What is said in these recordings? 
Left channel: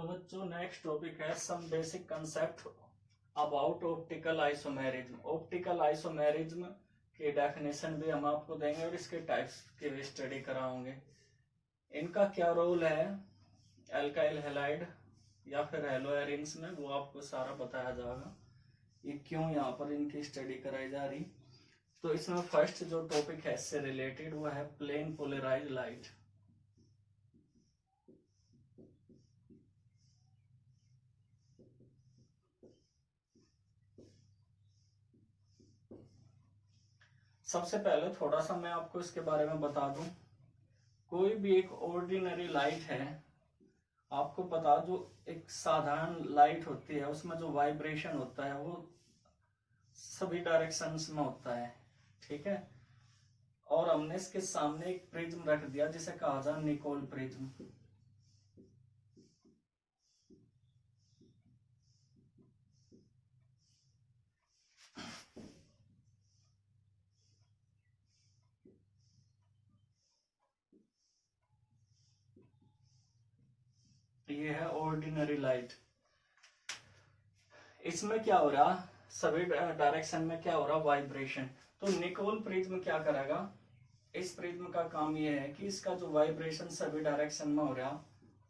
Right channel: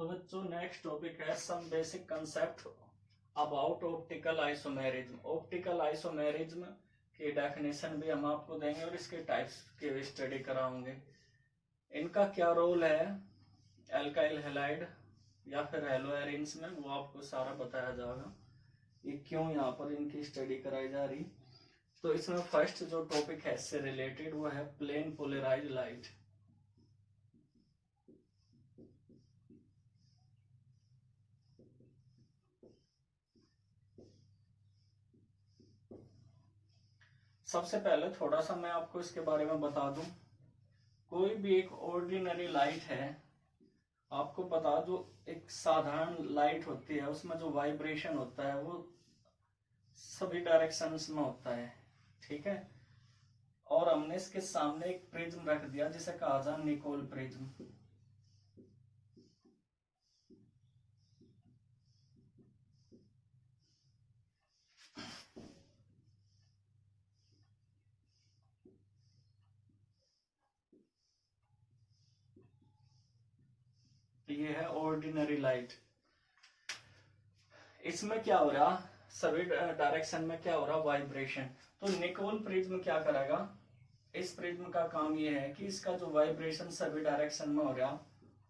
तो बच्चों next topic है some basic concept about optical isomerism. Optical isomerism की डेफिनेशन भी हम आपको देंगे और इसके टाइप्स की भी स्टडी कराओगे। इनका क्या रोल है एल्काइल हैलाइड या फिर हेलोएरिन्स में, वो आपको सारा बताया जाएगा। ये क्यों यहाँ पर इनकी स्टडी कराई जा रही। तो इसमें फर्स्ट जो टॉपिक है इससे रिलेटेड वो है प्लेन पोलराइज लाइट। सबसे पहले थोड़ा सा मैं आपको इसके बारे में बता दूं। कोई भी एक ऑर्डिनरी लाइट है, आपको पता जो एक साधारण लाइट होती है उसमें जो वाइब्रेशन होता है वो सभी डायरेक्शंस में होता है, ठीक है। और हमने इसके सामने एक प्रिज्म रख दिया जिसे कहा जाए निकोल प्रिज्म। ये है ऑर्डिनरी लाइट। इसमें क्या हो रहा, सभी डायरेक्शन में क्या हो रहा, वाइब्रेशन। तो निकोल प्रिज्म क्या करेगा, इस प्रिज्म का काम ये है कि इसका जो वाइब्रेशन सभी डायरेक्शन में हो रहा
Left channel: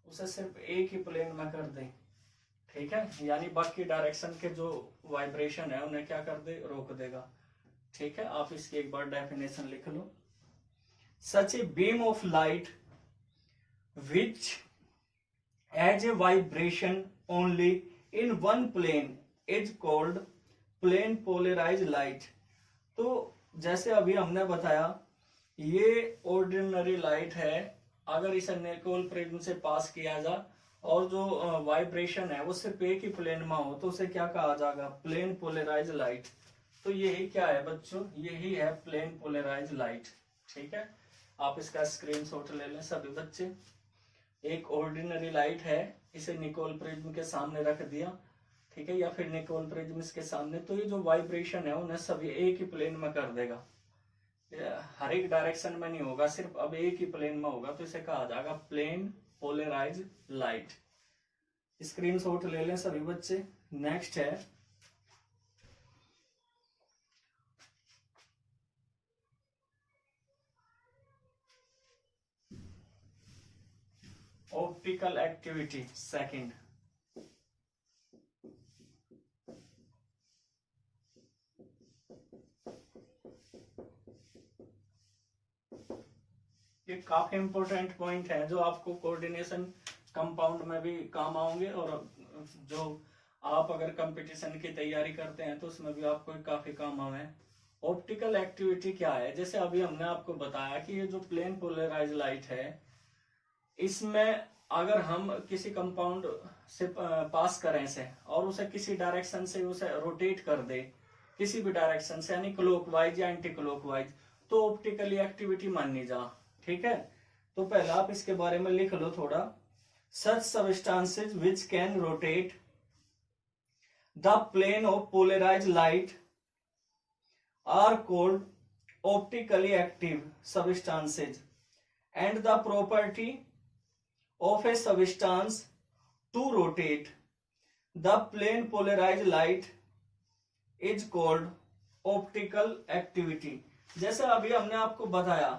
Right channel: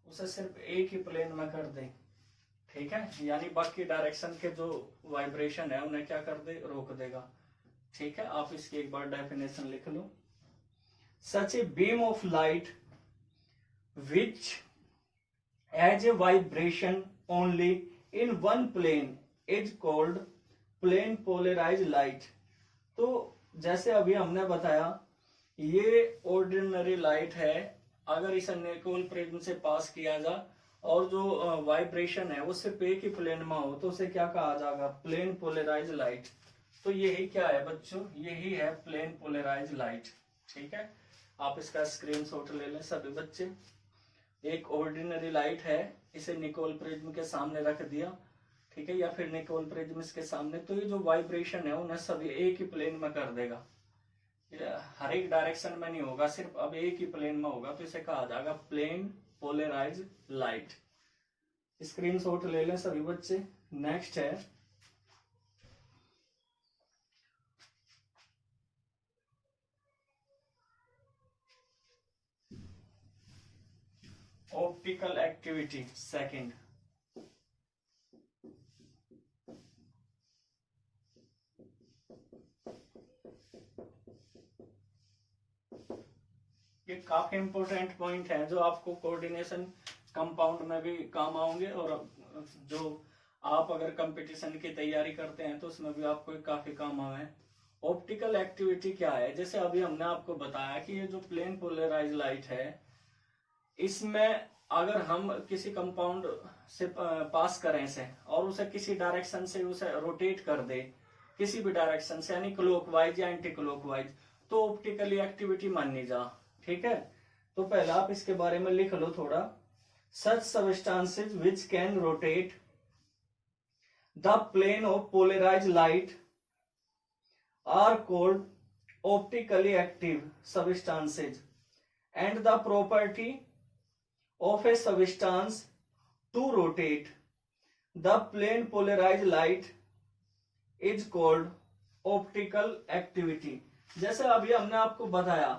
उसे सिर्फ एक ही प्लेन में कर दे, ठीक है। यानी बाकी डायरेक्शन के जो वाइब्रेशन है उन्हें क्या कर दे, रोक देगा, ठीक है। आप इसकी एक बार डेफिनेशन लिख लो। Such a beam of light which as a vibration only in one plane is called plane polarized light। तो जैसे अभी हमने बताया ये ऑर्डिनरी लाइट है, अगर इसे निकोल प्रिज्म से पास किया जाए और जो वाइब्रेशन है वो सिर्फ एक ही प्लेन में हो तो उसे क्या कहा जाएगा, प्लेन पोलराइज लाइट। तो यही क्या है बच्चों, यही है प्लेन पोलराइज लाइट, ठीक है। आप इसका स्क्रीनशॉट ले लें सभी बच्चे। एक ऑर्डिनरी लाइट है, इसे निकोल प्रिज्म के सामने रख दिया, ठीक है, या फिर निकोल प्रिज्म इसके सामने, तो ये जो वाइब्रेशन है उन्हें सभी एक ही प्लेन में कर देगा। हर एक डायरेक्शन में नहीं होगा, सिर्फ अब एक ही प्लेन में होगा, तो इसे कहा जाएगा प्लेन पोलराइज लाइट। स्क्रीनशॉट ले लें सभी बच्चे। नेक्स्ट है ऑप्टिकल एक्टिविटी सेकंड। ये काफी इंपॉर्टेंट पॉइंट है जो आपको कोऑर्डिनेशन कंपाउंड में भी काम आएंगे और जो आप अगर कंपटीशन की तैयारी करते हैं तो उसमें भी आपको काफी काम आए। ऑप्टिकल एक्टिविटी क्या है, जैसे अभी हमने आपको बताया कि ये जो प्लेन पोलराइज लाइट है इसमें अगर हम किसी कंपाउंड से पास करें इसे और उसे किसी डायरेक्शन से उसे रोटेट कर दे, किसी भी डायरेक्शन से, यानी क्लॉकवाइज या एंटी क्लॉकवाइज, तो ऑप्टिकली एक्टिविटी मानी जा, ठीक है। तो पहले आप इसके बारे में लिख लो थोड़ा। Such substances which can rotate the plane of polarise light are called optically active substances and the property of a substance to rotate the plane polarized light is called optical activity। जैसे अभी हमने आपको बताया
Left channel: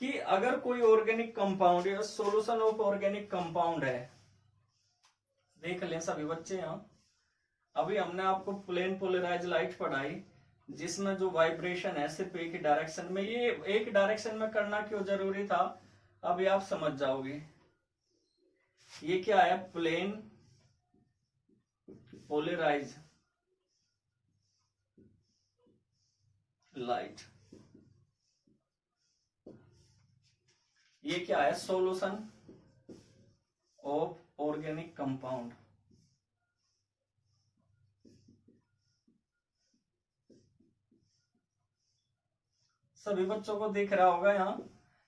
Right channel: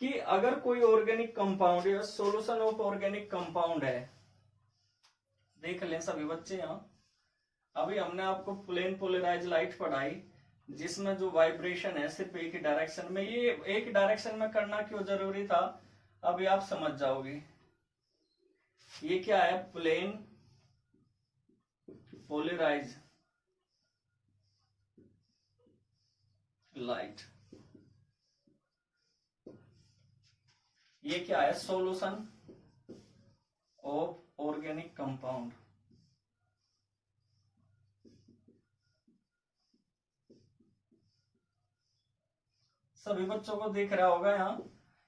कि अगर कोई organic compound या solution of organic compound है, देख लें सभी बच्चे यहाँ। अभी हमने आपको प्लेन पोलराइज लाइट पढ़ाई जिसमें जो वाइब्रेशन है सिर्फ एक ही डायरेक्शन में, ये एक डायरेक्शन में करना क्यों जरूरी था अभी आप समझ जाओगे। ये क्या है, प्लेन पोलराइज लाइट। ये क्या है, सॉल्यूशन ऑफ ऑर्गेनिक कंपाउंड। सभी बच्चों को दिख रहा होगा यहाँ,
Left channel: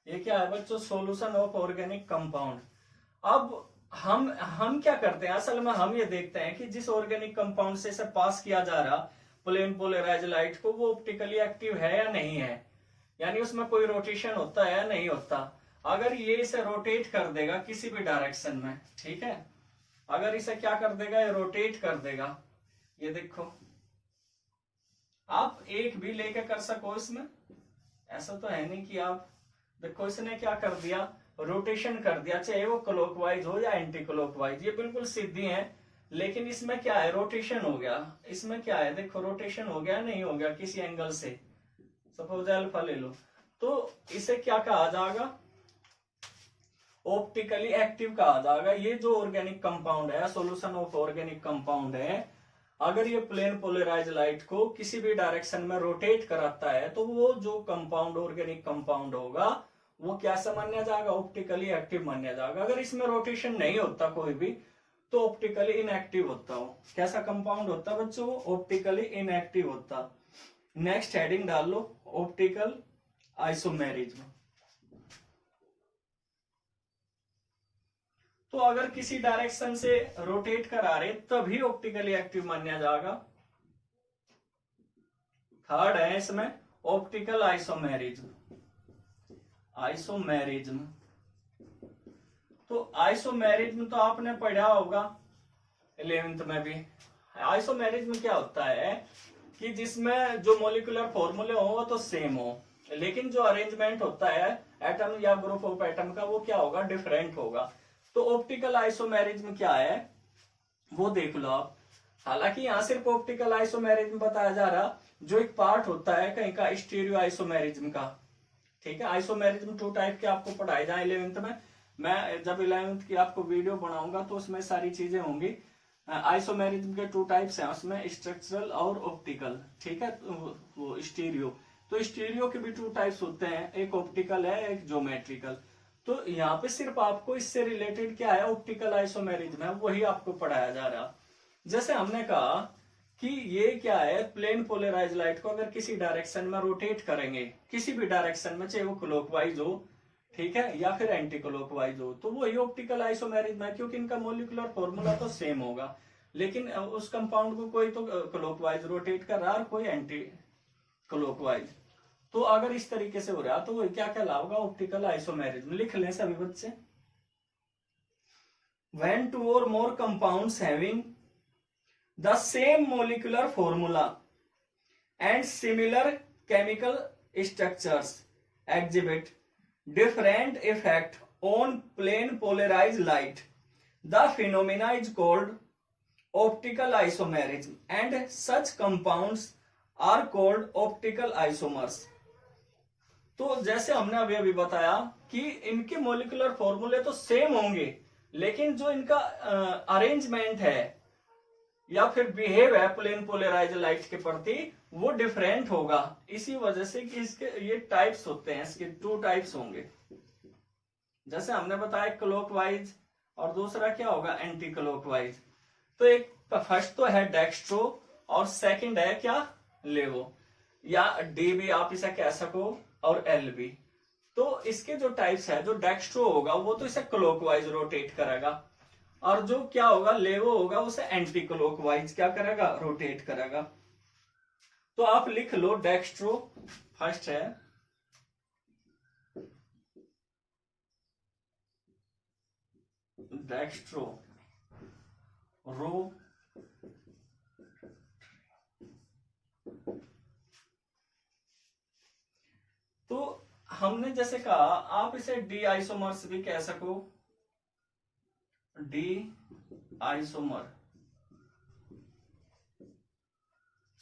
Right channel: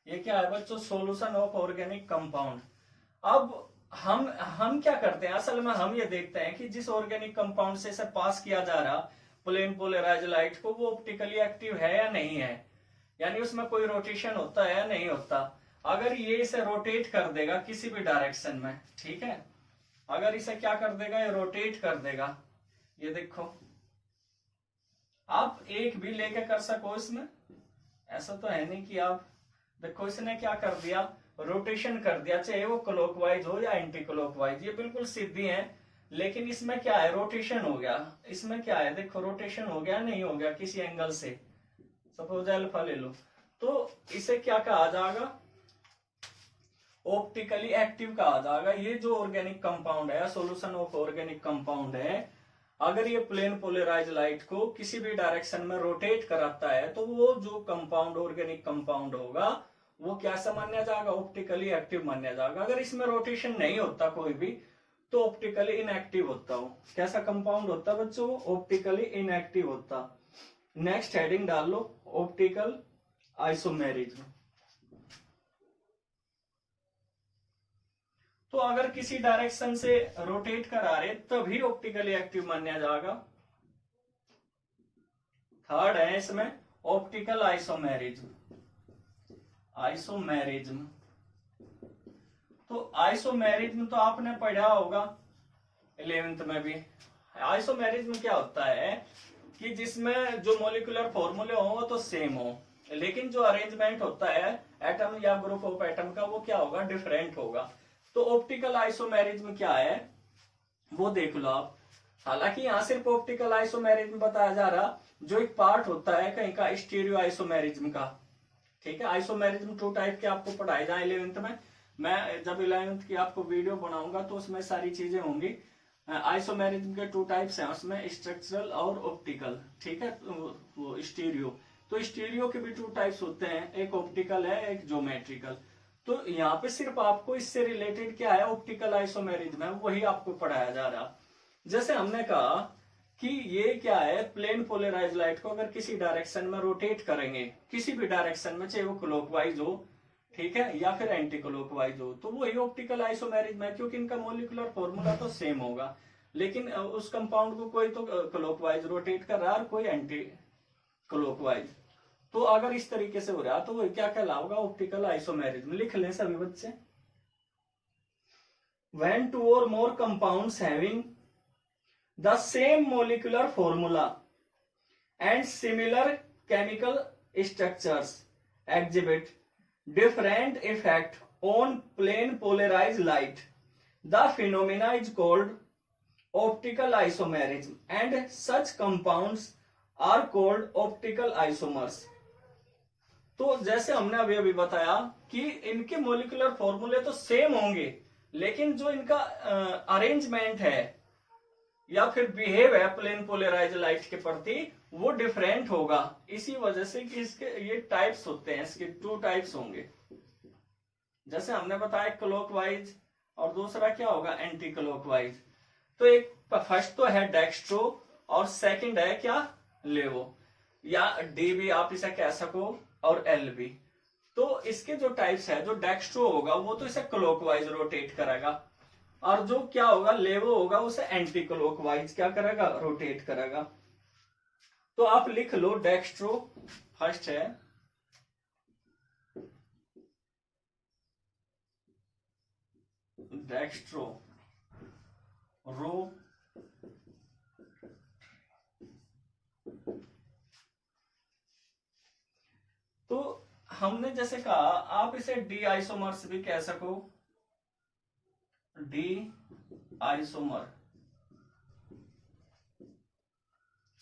ये क्या है बच्चों, सॉल्यूशन ऑफ ऑर्गेनिक कंपाउंड। अब हम क्या करते हैं, असल में हम ये देखते हैं कि जिस ऑर्गेनिक कंपाउंड से इसे पास किया जा रहा प्लेन पोलराइज लाइट को, वो ऑप्टिकली एक्टिव है या नहीं है, यानी उसमें कोई रोटेशन होता है या नहीं होता। अगर ये इसे रोटेट कर देगा किसी भी डायरेक्शन में, ठीक है, अगर इसे क्या कर देगा, ये रोटेट कर देगा। ये देखो, आप एक भी लेके कर सको इसमें, ऐसा तो है नहीं कि आप देखो, इसने क्या कर दिया, रोटेशन कर दिया, चाहे वो क्लॉकवाइज हो या एंटी क्लॉकवाइज, ये बिल्कुल सीधी है, लेकिन इसमें क्या है, रोटेशन हो गया। इसमें क्या है, देखो रोटेशन हो गया, नहीं हो गया किसी एंगल से, सपोज अल्फा ले लो, तो इसे क्या कहा जाएगा, ऑप्टिकली एक्टिव कहा जाएगा। ये जो ऑर्गेनिक कंपाउंड है, सॉल्यूशन ऑफ ऑर्गेनिक कंपाउंड है, अगर ये प्लेन पोलराइज लाइट को किसी भी डायरेक्शन में रोटेट कराता है, तो वो जो कंपाउंड ऑर्गेनिक कंपाउंड होगा वो कैसा माना जाएगा, ऑप्टिकली एक्टिव माना जाएगा। अगर इसमें रोटेशन नहीं होता कोई भी, तो ऑप्टिकली इनएक्टिव होता हो। कैसा कंपाउंड होता बच्चों, ऑप्टिकली इनएक्टिव होता। नेक्स्ट हेडिंग डाल लो, ऑप्टिकल आइसोमेरिज्म। तो अगर किसी डायरेक्शन से रोटेट करा रहे तभी ऑप्टिकली एक्टिव माना जाएगा। थर्ड है इसमें ऑप्टिकल आइसोमेरिज्म। आइसोमेरिज्म, तो आइसोमेरिज्म तो आपने पढ़ा होगा 11th में भी। आइसोमेरिज्म क्या होता है कि जिसमें जो मॉलिक्यूलर फॉर्मूले हो वो तो सेम हो, लेकिन जो अरेंजमेंट होता है एटम या ग्रुप ऑफ एटम का, वो क्या होगा, डिफरेंट होगा। तो ऑप्टिकल आइसोमेरिज्म क्या है वो देख लो आप। हालांकि यहाँ सिर्फ ऑप्टिकल आइसोमेरिज्म बताया जा रहा, जो एक पार्ट होता है कहीं का स्टीरियो आइसोमेरिज्म का। ठीक है, आइसोमेरिज्म 2 टाइप के आपको पढ़ाए जाए 11th में। मैं जब 11th की आपको वीडियो बनाऊंगा तो उसमें सारी चीजें होंगी। आइसोमेरिज्म के 2 टाइप्स हैं, उसमें स्ट्रक्चरल और ऑप्टिकल। ठीक है, वो स्टीरियो, तो स्टीरियो के भी 2 टाइप्स होते हैं, एक ऑप्टिकल है, एक ज्योमेट्रिकल। तो यहाँ पे सिर्फ आपको इससे रिलेटेड क्या है, ऑप्टिकल आइसोमेरिज्म है, वही आपको पढ़ाया जा रहा। जैसे हमने कहा कि ये क्या है, प्लेन पोलराइज लाइट को अगर किसी डायरेक्शन में रोटेट करेंगे, किसी भी डायरेक्शन में, चाहे वो क्लॉकवाइज हो, ठीक है, या फिर एंटी क्लॉकवाइज हो, तो वही ऑप्टिकल आइसोमेरिज्म है, क्योंकि इनका मॉलिक्यूलर फॉर्मूला तो सेम होगा, लेकिन उस कंपाउंड को कोई तो क्लॉकवाइज रोटेट कर रहा है और कोई एंटी क्लॉकवाइज। तो अगर इस तरीके से हो रहा तो वो क्या कहलाएगा, ऑप्टिकल आइसोमेरिज्म। लिख लें सभी बच्चे। When 2 or more compounds having the same molecular formula and similar chemical structures exhibit different effect on plane polarized light, the phenomena is called optical isomerism, and such compounds are called optical isomers. तो जैसे हमने अभी बताया कि इनके molecular फॉर्मूले तो same होंगे, लेकिन जो इनका अरेंजमेंट है या फिर बिहेव है प्लेन पोलराइज लाइट के प्रति, वो डिफरेंट होगा। इसी वजह से कि इसके ये टाइप्स होते हैं, इसके 2 टाइप्स होंगे। जैसे हमने बताया क्लॉकवाइज और दूसरा क्या होगा, एंटी क्लॉकवाइज। तो एक फर्स्ट तो है डेक्स्ट्रो और सेकंड है क्या, लेवो, या डी भी आप इसे कह सको, और एल भी। तो इसके जो टाइप्स है, जो डेक्स्ट्रो होगा वो तो इसे क्लॉकवाइज रोटेट करेगा, और जो क्या होगा, लेवो होगा, उसे एंटी क्लॉकवाइज क्या करेगा, रोटेट करेगा। तो आप लिख लो, डेक्स्ट्रो फर्स्ट है, डेक्स्ट्रो रो तो हमने जैसे कहा, आप इसे डी आइसोमर्स भी कह सको, डी आइसोमर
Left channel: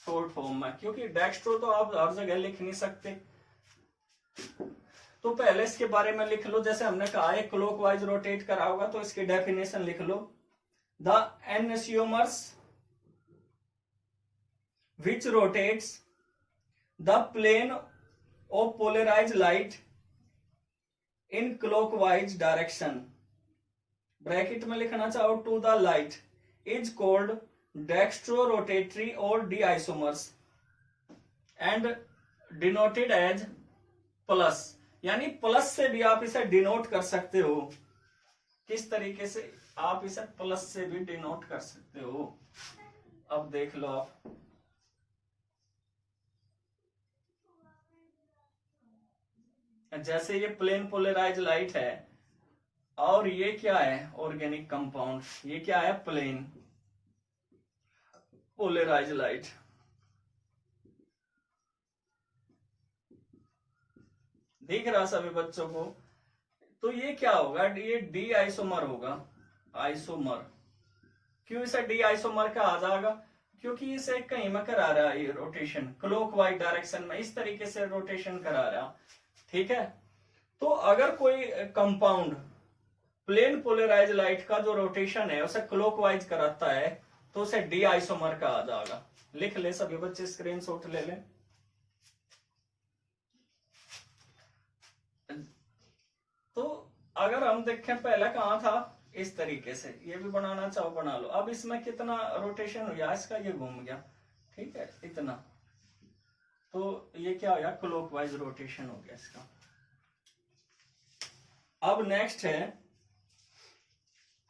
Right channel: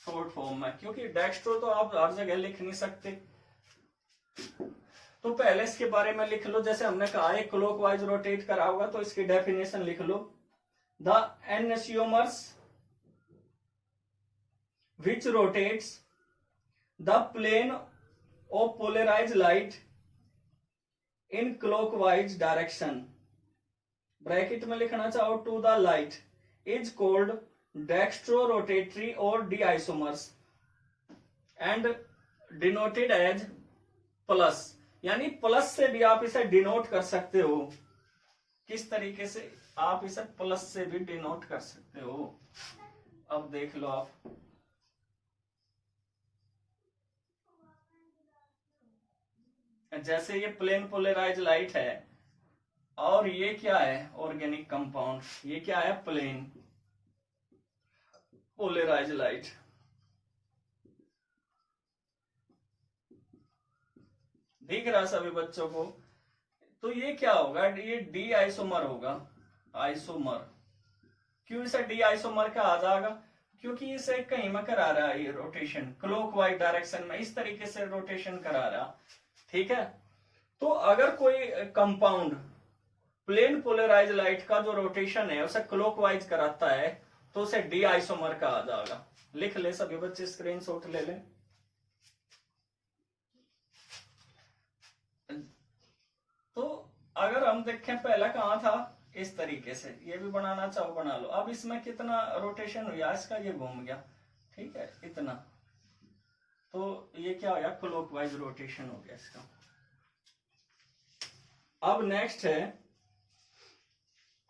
शॉर्ट फॉर्म में, क्योंकि डेक्स्ट्रो तो आप हर जगह लिख नहीं सकते। तो पहले इसके बारे में लिख लो। जैसे हमने कहा एक क्लॉकवाइज रोटेट करा होगा, तो इसकी डेफिनेशन लिख लो, the एनसियोमर्स which rotates the plane of polarized light in clockwise direction, bracket में लिखना चाहो, to the light, is called dextrorotatory or d-isomers and denoted as plus. यानी प्लस से भी आप इसे डिनोट कर सकते हो। किस तरीके से आप इसे प्लस से भी डिनोट कर सकते हो, अब देख लो आप। जैसे ये प्लेन पोलराइज लाइट है, और ये क्या है ऑर्गेनिक कंपाउंड, ये क्या है प्लेन पोलराइज लाइट। दिख रहा सभी बच्चों को? तो ये क्या होगा, ये डी आइसोमर होगा, आइसोमर। क्यों इसे डी आइसोमर कहा जाएगा? क्योंकि इसे कहीं में करा रहा है ये रोटेशन क्लॉकवाइज डायरेक्शन में, इस तरीके से रोटेशन करा रहा। ठीक है, तो अगर कोई कंपाउंड प्लेन पोलराइज लाइट का जो रोटेशन है उसे क्लॉकवाइज कराता है तो उसे डी आइसोमर कहा जाएगा। लिख ले सभी बच्चे, स्क्रीनशॉट ले लें। तो अगर हम देखें पहला कहां था, इस तरीके से, ये भी बनाना चाहो बना लो। अब इसमें कितना रोटेशन हुआ इसका, ये घूम गया, ठीक है इतना, तो ये क्या हो गया क्लॉकवाइज रोटेशन हो गया इसका। अब नेक्स्ट है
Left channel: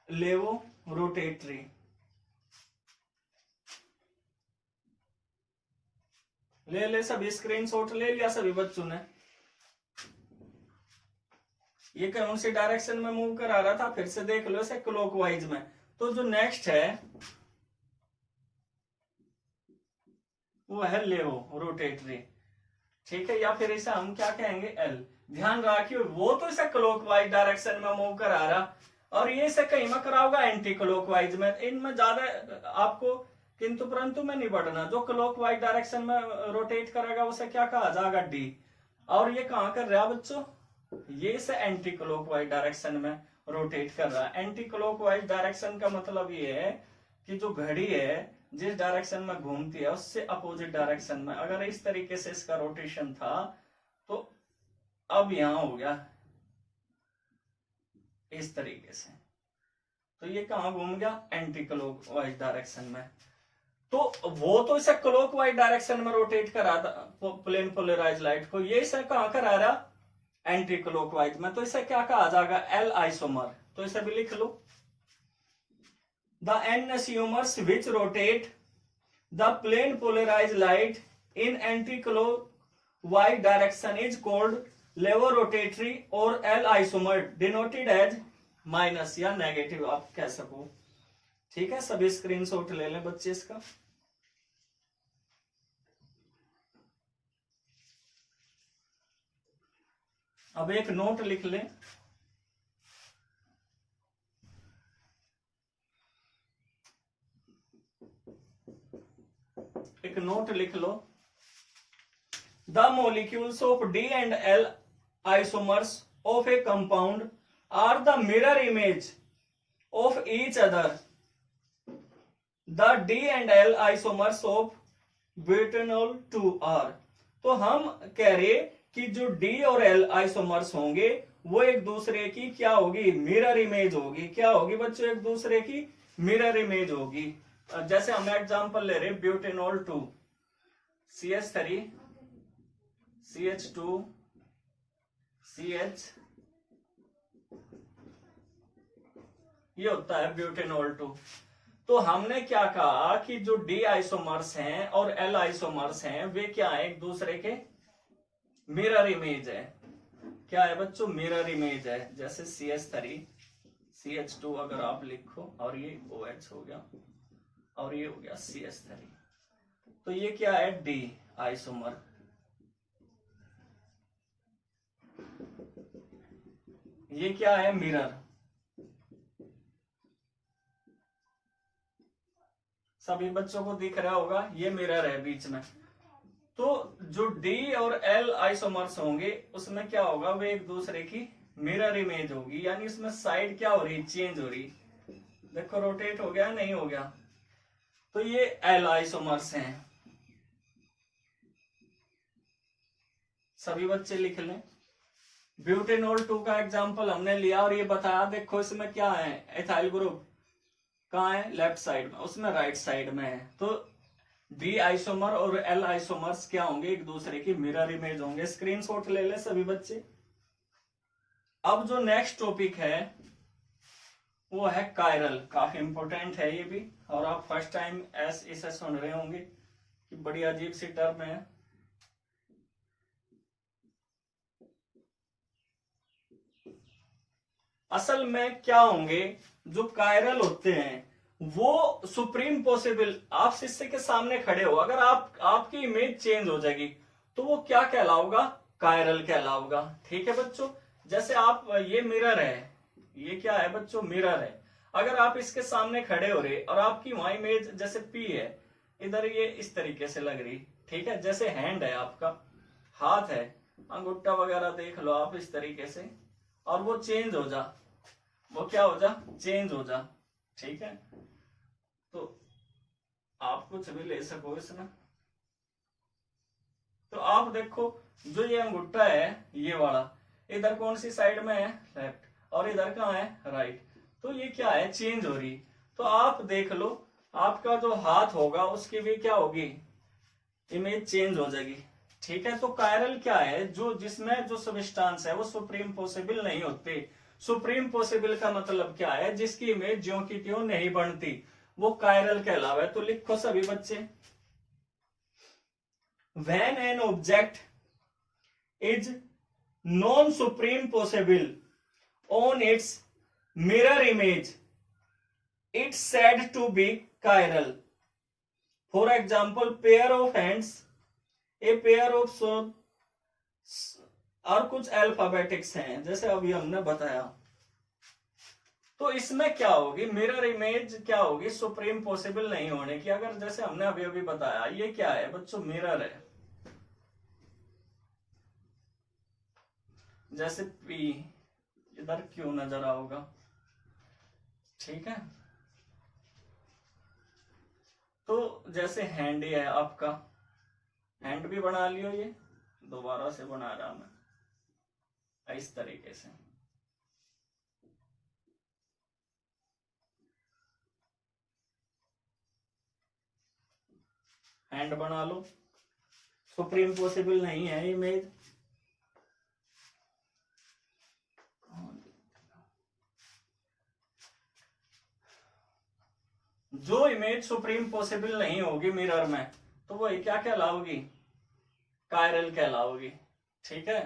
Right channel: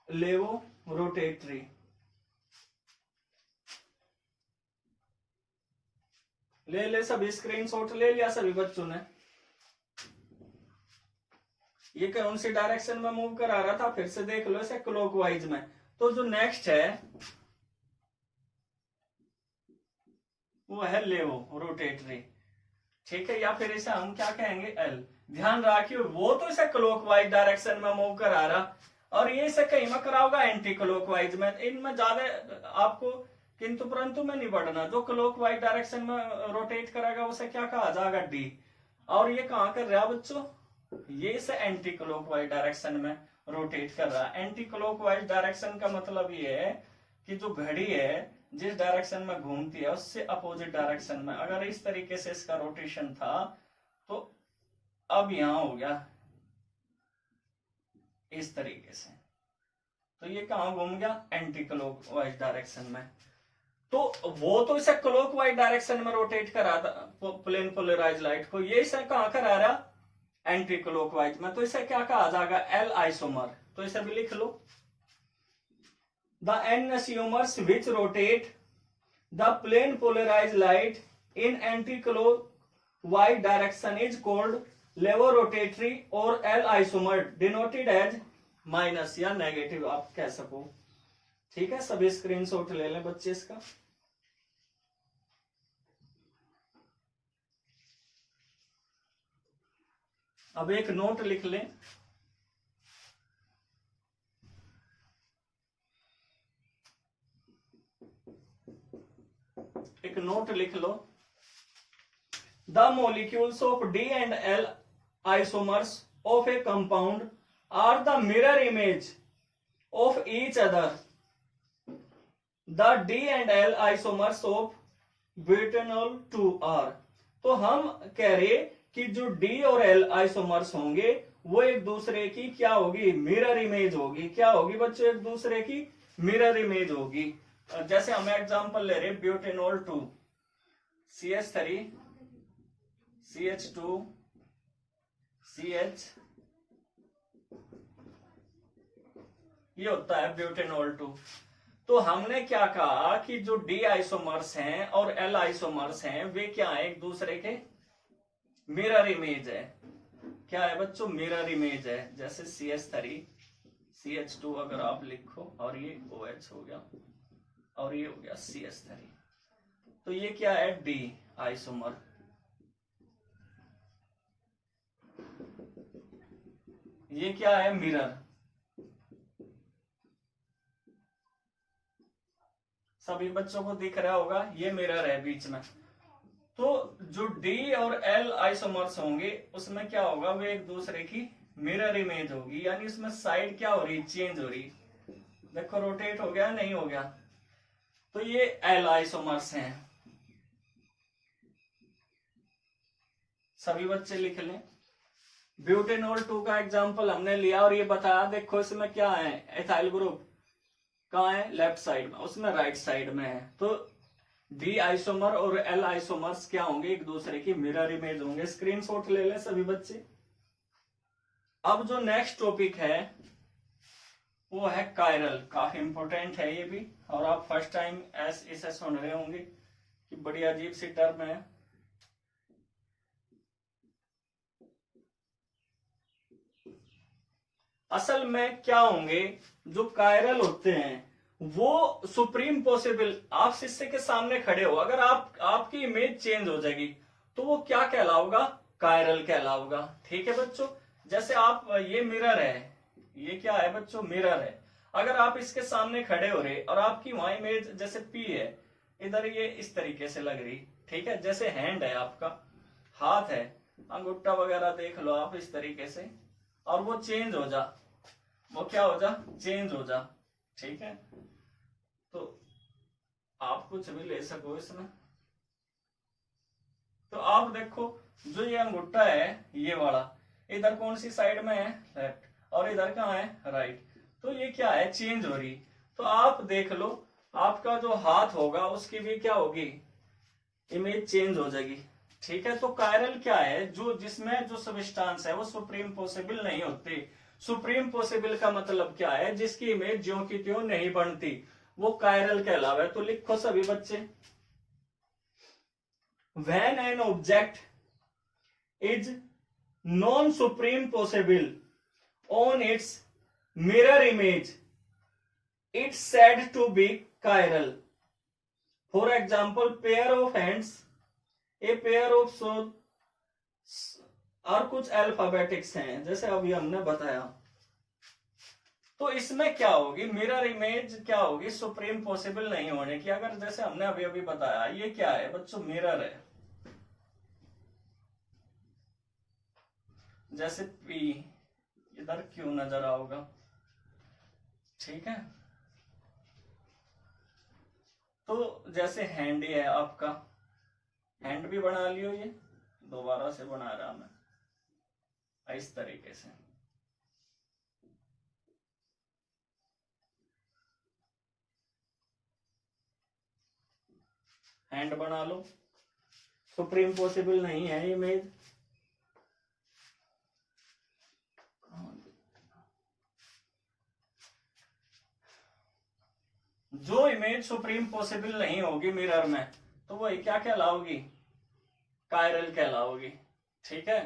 लेवो रोटेटरी। ले सभी स्क्रीनशॉट ले लिया सभी बच्चों ने? ये कौन सी डायरेक्शन में मूव करा रहा था, फिर से देख लो इसे क्लॉकवाइज में। तो जो नेक्स्ट है वो है लेवो रोटेटरी, ठीक है, या फिर इसे हम क्या कहेंगे एल। ध्यान रखिए वो तो इसे क्लॉकवाइज डायरेक्शन में मूव करा रहा और ये इसे कहीं में करा होगा एंटी क्लॉकवाइज में। इनमें ज्यादा आपको किंतु परंतु में नहीं बढ़ना। जो क्लॉकवाइज डायरेक्शन में रोटेट करेगा उसे क्या कहा जाएगा डी। और ये कहां कर रहा है बच्चों, ये इसे एंटी क्लॉकवाइज डायरेक्शन में रोटेट कर रहा है। एंटी क्लॉकवाइज डायरेक्शन का मतलब ये है कि जो घड़ी है जिस डायरेक्शन में घूमती है उससे अपोजिट डायरेक्शन में। अगर इस तरीके से इसका रोटेशन था तो अब यहां हो गया इस तरीके से, तो ये कहां घूम गया एंटी क्लॉकवाइज डायरेक्शन में। तो वो तो इसे क्लॉकवाइज डायरेक्शन में रोटेट करा था प्लेन पोलराइज लाइट को, ये इसे कहां करा रहा एंटी क्लॉकवाइज में। तो इसे क्या कहा जाएगा एल आइसोमर। तो इसे भी लिख लो, the enantiomers which rotate the plane polarise light in anti clockwise direction is called laevorotatory और L isomer denoted as minus या नेगेटिव आप कह सको। ठीक है, सभी स्क्रीनशॉट ले लें बच्चे इसका। अब एक नोट लिख लें, एक नोट लिख लो, the molecules of D and L isomers of a compound are the mirror image of each other. The D and L isomers of butanol 2 are. तो हम कह रहे कि जो डी और एल आइसोमर्स होंगे वो एक दूसरे की क्या होगी मिरर इमेज होगी। क्या होगी बच्चों, एक दूसरे की मिरर इमेज होगी। जैसे हम एग्जांपल ले रहे ब्यूटेनॉल 2 CH3 CH2 CH, ये होता है ब्यूटेनॉल 2। तो हमने क्या कहा कि जो डी आइसोमर्स हैं और एल आइसोमर्स हैं वे क्या है एक दूसरे के मिरर इमेज है। क्या है बच्चों, मिरर इमेज है। जैसे CH3 CH2 अगर आप लिखो और ये OH हो गया और ये हो गया CH3, तो ये क्या है डी आइसोमर। ये क्या है मिरर। सभी बच्चों को दिख रहा होगा ये मिरर है बीच में। तो जो डी और एल आइसोमर्स होंगे उसमें क्या होगा, वे एक दूसरे की मिरर इमेज होगी, यानी उसमें साइड क्या हो रही चेंज हो रही। देखो रोटेट हो गया नहीं हो गया। तो ये एल आइसोमर्स हैं। सभी बच्चे लिख लें। ब्यूटेनॉल 2 का एग्जांपल हमने लिया और ये बताया देखो इसमें क्या है एथाइल ग्रुप कहाँ है लेफ्ट साइड में, उसमें राइट साइड में है। तो डी आइसोमर और एल आइसोमर्स क्या होंगे एक दूसरे की मिरर इमेज होंगे। स्क्रीनशॉट ले ले सभी बच्चे। अब जो नेक्स्ट टॉपिक है वो है कायरल। काफी इंपॉर्टेंट है ये भी, और आप फर्स्ट टाइम इसे सुन रहे होंगे कि बड़ी अजीब सी टर्म है। असल में क्या होंगे, जो कायरल होते हैं वो सुप्रीम पॉसिबल, आप शीशे के सामने खड़े हो, अगर आपकी इमेज चेंज हो जाएगी तो वो क्या कहलाओगा, कायरल कहलाओगा। ठीक है बच्चों, जैसे आप, ये मिरर है, ये क्या है बच्चों, मिरर है। अगर आप इसके सामने खड़े हो रहे और आपकी वहां इमेज जैसे पी है, इधर ये इस तरीके से लग रही, ठीक है, जैसे हैंड है आपका, हाथ है, अंगूठा वगैरह देख लो आप इस तरीके से, और वो चेंज हो जा, वो क्या हो जा, चेंज हो जा। ठीक है, तो आप कुछ भी ले सको इसमें। तो आप देखो, जो ये अंगूठा है ये वाला, इधर कौन सी साइड में है, लेफ्ट, और इधर कहाँ है, राइट। तो ये क्या है, चेंज हो रही। तो आप देख लो, आपका जो हाथ होगा उसकी भी क्या होगी, इमेज चेंज हो जाएगी। ठीक है, तो कायरल क्या है, जो जिसमें जो सबस्टांस है वो सुप्रीम पॉसिबल नहीं होते। सुप्रीम पॉसिबल का मतलब क्या है, जिसकी इमेज ज्यों की त्यों नहीं बनती, वो कायरल कहलावा है। तो लिखो सभी बच्चे, when an object is non supreme possible on its mirror image, it's said to be chiral. For example, pair of hands, a pair of shoes, और कुछ अल्फाबेटिक्स हैं जैसे अभी हमने बताया। तो इसमें क्या होगी, मिरर इमेज क्या होगी, सुप्रीम पॉसिबल नहीं होने की। अगर जैसे हमने अभी अभी बताया, ये क्या है बच्चों, मिरर है, जैसे पी, इधर क्यू नजर आओगा। ठीक है, तो जैसे हैंड है आपका, हैंड भी बना लियो, ये दोबारा से बना रहा मैं इस तरीके से। हैंड बना लो, सुप्रीम पॉसिबल नहीं है इमेज। जो इमेज सुप्रीम पॉसिबल नहीं होगी मिरर में, तो वही क्या कहलाओगी, कायरल कहलाओगी। ठीक है,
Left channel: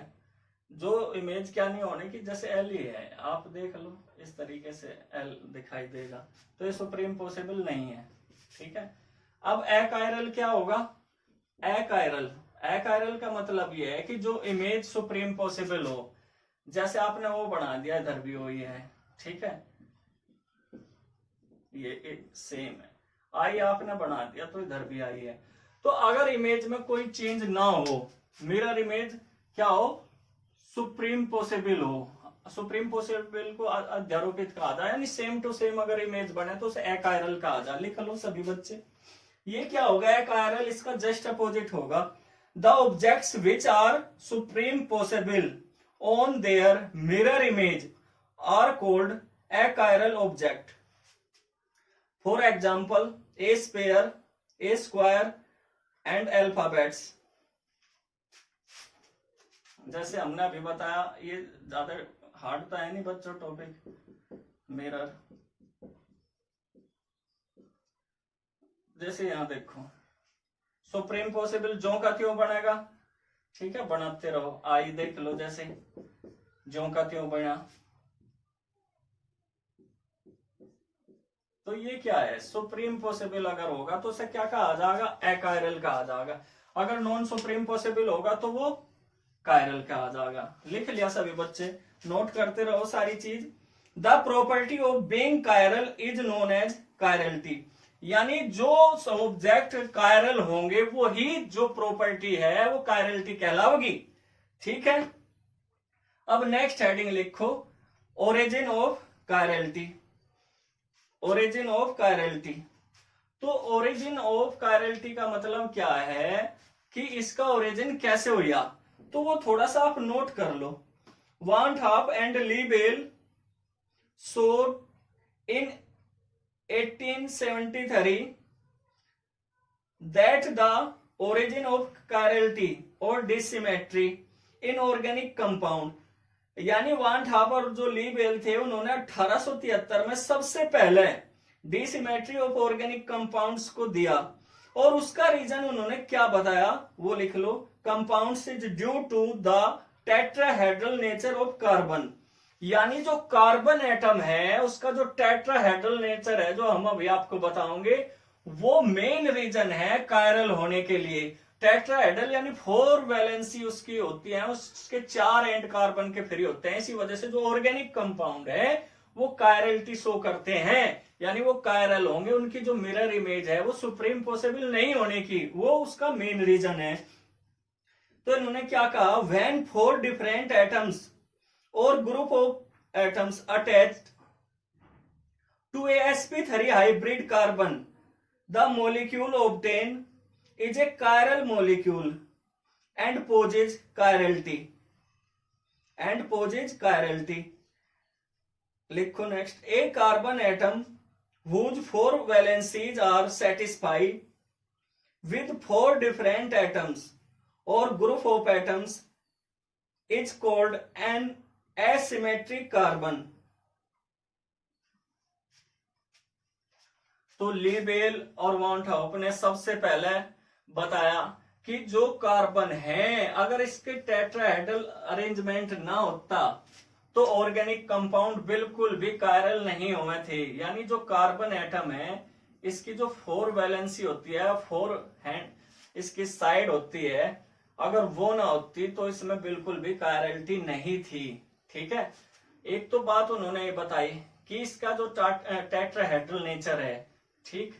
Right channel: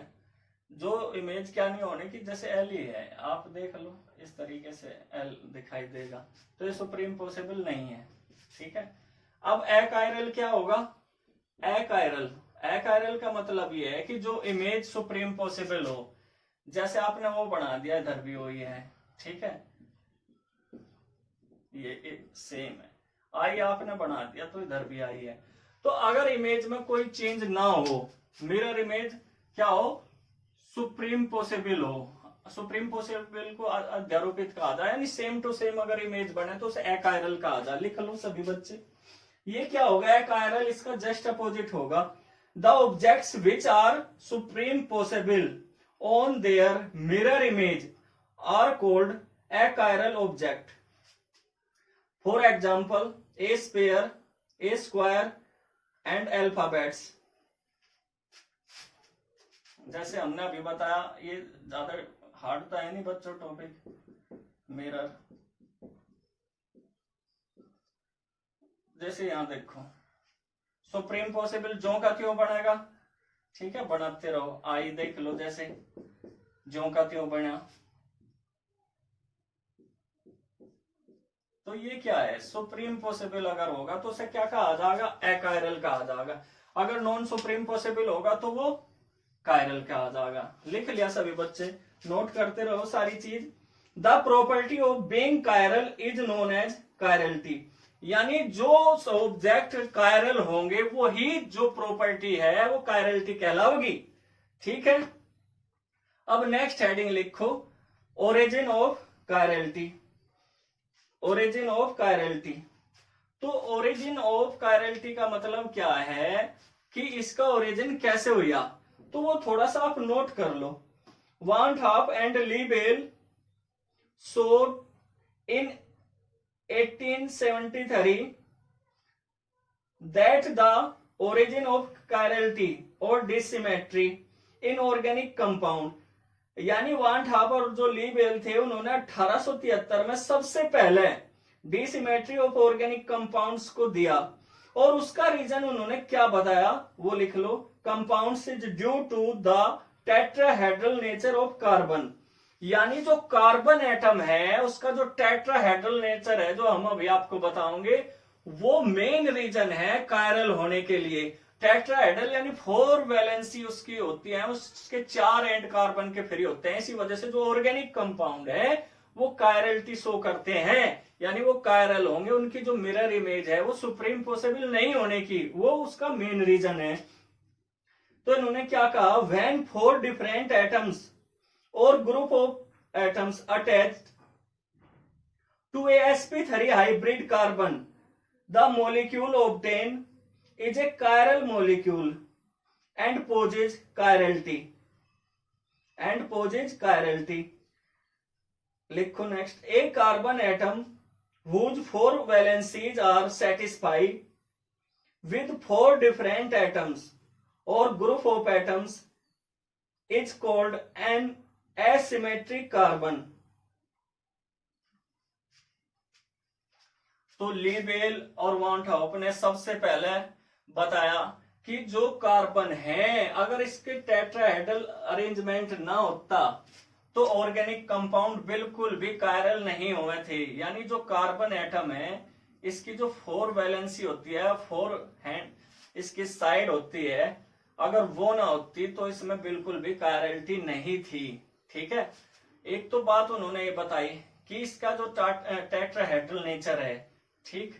जो इमेज क्या नहीं होने की, जैसे एल ही है, आप देख लो इस तरीके से एल दिखाई देगा, तो ये सुप्रीम पॉसिबल नहीं है। ठीक है, अब अकायरल क्या होगा, अकायरल, अकायरल का मतलब ये है कि जो इमेज सुप्रीम पॉसिबल हो, जैसे आपने वो बना दिया, इधर भी वही है। ठीक है, ये सेम है, आई आपने बना दिया तो इधर भी आई है। तो अगर इमेज में कोई चेंज ना हो, मिरर इमेज क्या हो, सुप्रीम पॉसिबल हो। सुप्रीम पॉसिबल को अध्यारोपित कहा जाए, यानी सेम टू सेम अगर इमेज बने तो उसे अकायरल कहा जाए। लिख लो सभी बच्चे, ये क्या होगा, अकायरल, इसका जस्ट अपोजिट होगा। The objects which are supreme possible on their mirror image are called achiral object. For example, a square, a square and alphabets. जैसे हमने अभी बताया, ये ज्यादा हार्ड तो है नहीं बच्चों टॉपिक, मिरर। जैसे यहां देखो, सुप्रीम पॉसिबल ज्यों का त्यों बनेगा। ठीक है, बनाते रहो, आई देख लो, जैसे ज्यों का त्यों बना। तो ये क्या है, सुप्रीम पॉसिबल अगर होगा तो उसे क्या कहा जाएगा, अकायरल कहा जाएगा। अगर नॉन सुप्रीम पॉसिबल होगा तो वो कायरल कहा जाएगा। लिख लिया सभी बच्चे, नोट करते रहो सारी चीज। The property of being chiral is known as chirality, यानी जो ऑब्जेक्ट कायरल होंगे वो ही जो प्रॉपर्टी है वो कायरलिटी कहलाओगी। ठीक है, अब नेक्स्ट हेडिंग लिखो, origin of chirality. Origin of chirality, तो ओरिजिन ऑफ कायरलिटी का मतलब क्या है कि इसका ओरिजिन कैसे हुआ, तो वो थोड़ा सा आप नोट कर लो। Van't Hoff and Le Bel showed in 1873 that the origin of chirality or dissymmetry in organic compound, यानी वांट हाफ और जो लीबेल थे उन्होंने 1873 में सबसे पहले डिसिमेट्री ऑफ ऑर्गेनिक कंपाउंड्स को दिया, और उसका रीजन उन्होंने क्या बताया वो लिख लो। Compounds is due to the tetrahedral nature of carbon, यानी जो कार्बन एटम है उसका जो टेट्राहेड्रल नेचर है, जो हम अभी आपको बताओगे, वो मेन रीजन है कायरल होने के लिए। टेट्राहेड्रल यानी 4 वैलेंसी उसकी होती है, उसके 4 एंड कार्बन के फ्री होते हैं। इसी वजह से जो ऑर्गेनिक कंपाउंड है वो कायरलिटी शो करते हैं, यानी वो कायरल होंगे। उनकी जो मिरर इमेज है वो सुप्रीम पॉसिबल नहीं होने की, वो उसका मेन रीजन है। तो इन्होंने क्या कहा, when 4 different atoms or group of atoms attached to a sp3 hybrid carbon, the molecule obtained is a chiral molecule and possesses chirality. लिखो next, a carbon atom whose 4 valencies are satisfied with 4 different atoms or group of atoms is called an asymmetric carbon. तो लीबेल और वान half ने सबसे पहले बताया कि जो carbon है, अगर इसके टेट्राहेड्रल अरेंजमेंट ना होता तो ऑर्गेनिक कंपाउंड बिल्कुल भी कायरल नहीं हुए थे। यानी जो कार्बन एटम है, इसकी जो 4 वैलेंसी होती है, 4 हैंड इसकी साइड होती है, अगर वो ना होती तो इसमें बिल्कुल भी कायरलिटी नहीं थी। ठीक है, एक तो बात उन्होंने ये बताई कि इसका जो टेट्राहेड्रल नेचर है। ठीक,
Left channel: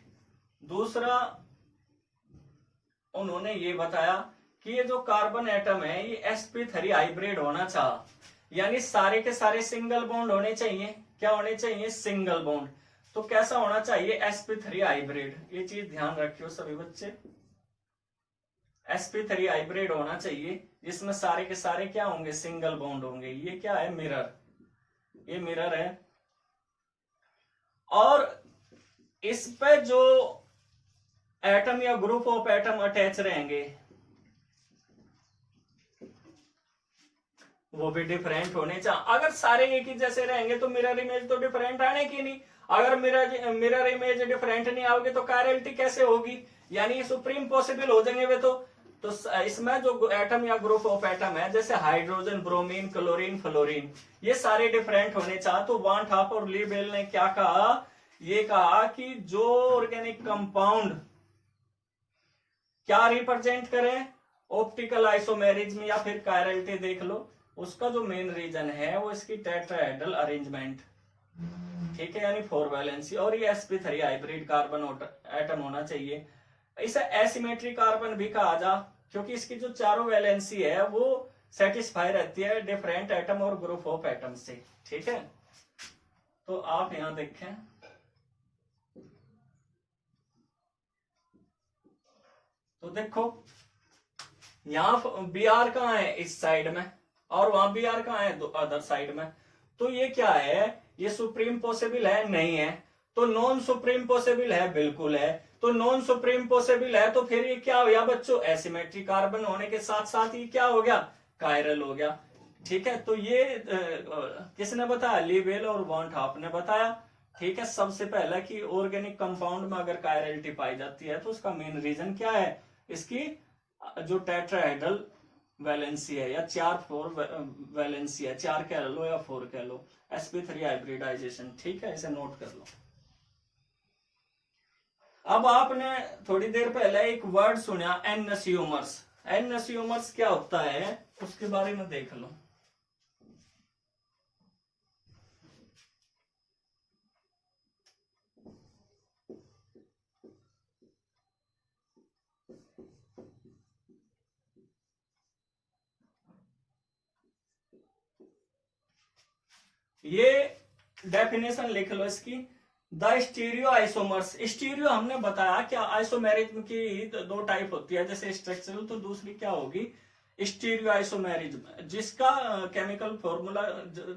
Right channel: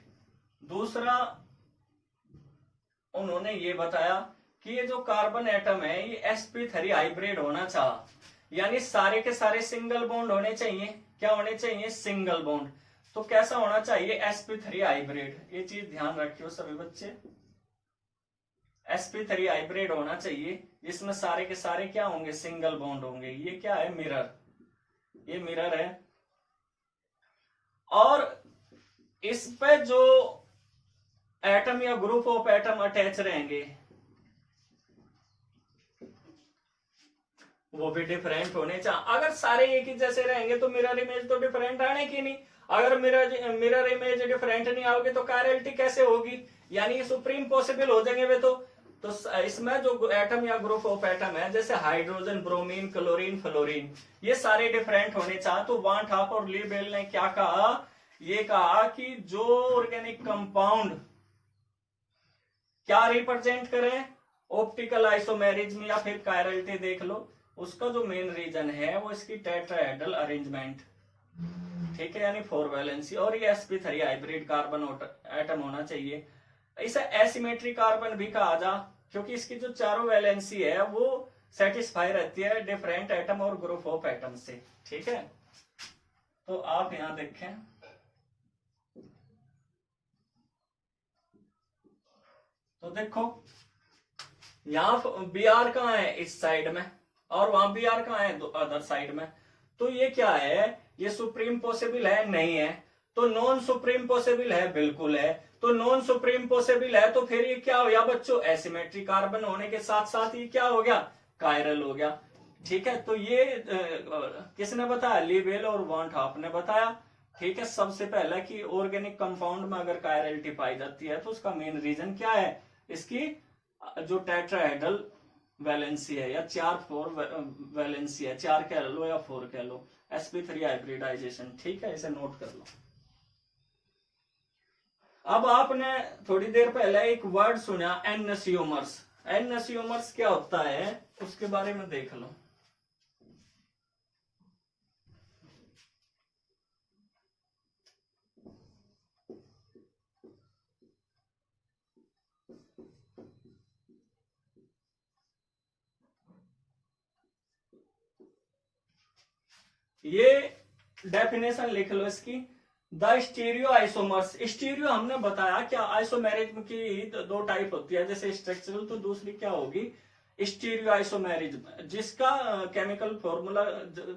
दूसरा उन्होंने ये बताया कि ये जो कार्बन एटम है ये sp3 हाइब्रिड होना चाहिए, यानी सारे के सारे सिंगल बॉन्ड होने चाहिए। क्या होने चाहिए? Single bond. तो कैसा होना चाहिए? sp3 hybrid. ये चीज ध्यान रखियो सभी बच्चे, sp3 हाइब्रिड होना चाहिए जिसमें सारे के सारे क्या होंगे? सिंगल बॉन्ड होंगे। ये क्या है? मिरर, ये मिरर है। और इस पे जो एटम या ग्रुप ऑफ एटम अटैच रहेंगे वो भी डिफरेंट होने चाहिए। अगर सारे एक ही जैसे रहेंगे तो मिरर इमेज तो डिफरेंट आने की नहीं। अगर मिरर इमेज डिफरेंट नहीं आओगे तो कायरलिटी कैसे होगी? यानी सुप्रीम पॉसिबल हो जाएंगे वे तो इसमें जो एटम या ग्रुप ऑफ एटम है, जैसे हाइड्रोजन, ब्रोमीन, क्लोरीन, फ्लोरीन, ये सारे डिफरेंट होने चाहिए। तो वान हॉफ और लीबेल ने क्या कहा? ये कहा कि जो ऑर्गेनिक कंपाउंड क्या रिप्रेजेंट करें, ऑप्टिकल आइसोमेरिज्म या फिर कायरलिटी देख लो, उसका जो मेन रीजन है वो इसकी टेट्राहेड्रल अरेंजमेंट। ठीक है, यानी 4 वैलेंसी, और ये sp3 हाइब्रिड कार्बन एटम होना चाहिए। इसे एसिमेट्रिक कार्बन भी कहा जा, क्योंकि इसकी जो चारों वैलेंसी है वो सेटिस्फाई रहती है डिफरेंट एटम और ग्रुप ऑफ एटम से। ठीक है, तो आप यहां देखें, तो देखो यहां बी आर कहाँ है? इस साइड में, और वहां बी आर कहाँ है? अदर साइड में। तो ये क्या है? ये सुप्रीम पॉसिबल है? नहीं है। तो नॉन सुप्रीम पॉसिबल है? बिल्कुल है। तो नॉन सुप्रीम पॉसिबल है तो फिर ये क्या हो गया बच्चों? एसिमेट्रिक कार्बन होने के साथ साथ ये क्या हो गया? कायरल हो गया। ठीक है, तो ये किसने बताया? लीबेल और वान हॉफ ने बताया। ठीक है, सबसे पहला कि ऑर्गेनिक कंपाउंड में अगर कायरलिटी पाई जाती है तो उसका मेन रीजन क्या है? इसकी जो टेट्राहेड्रल वैलेंसी है, या 4 वैलेंसी है, 4 कह लो या 4 कह लो, sp3 हाइब्रिडाइजेशन। ठीक है, इसे नोट कर लो। अब आपने थोड़ी देर पहले एक वर्ड सुना, एनसियोमर्स। एनसियोमर्स क्या होता है उसके बारे में देख लो। ये डेफिनेशन लिख लो इसकी। द स्टीरियो आइसोमर्स, स्टीरियो हमने बताया क्या? आइसोमेरिज्म की 2 टाइप होती है, जैसे स्ट्रक्चरल, तो दूसरी क्या होगी? स्टीरियो आइसोमेरिज्म, जिसका केमिकल फॉर्मूला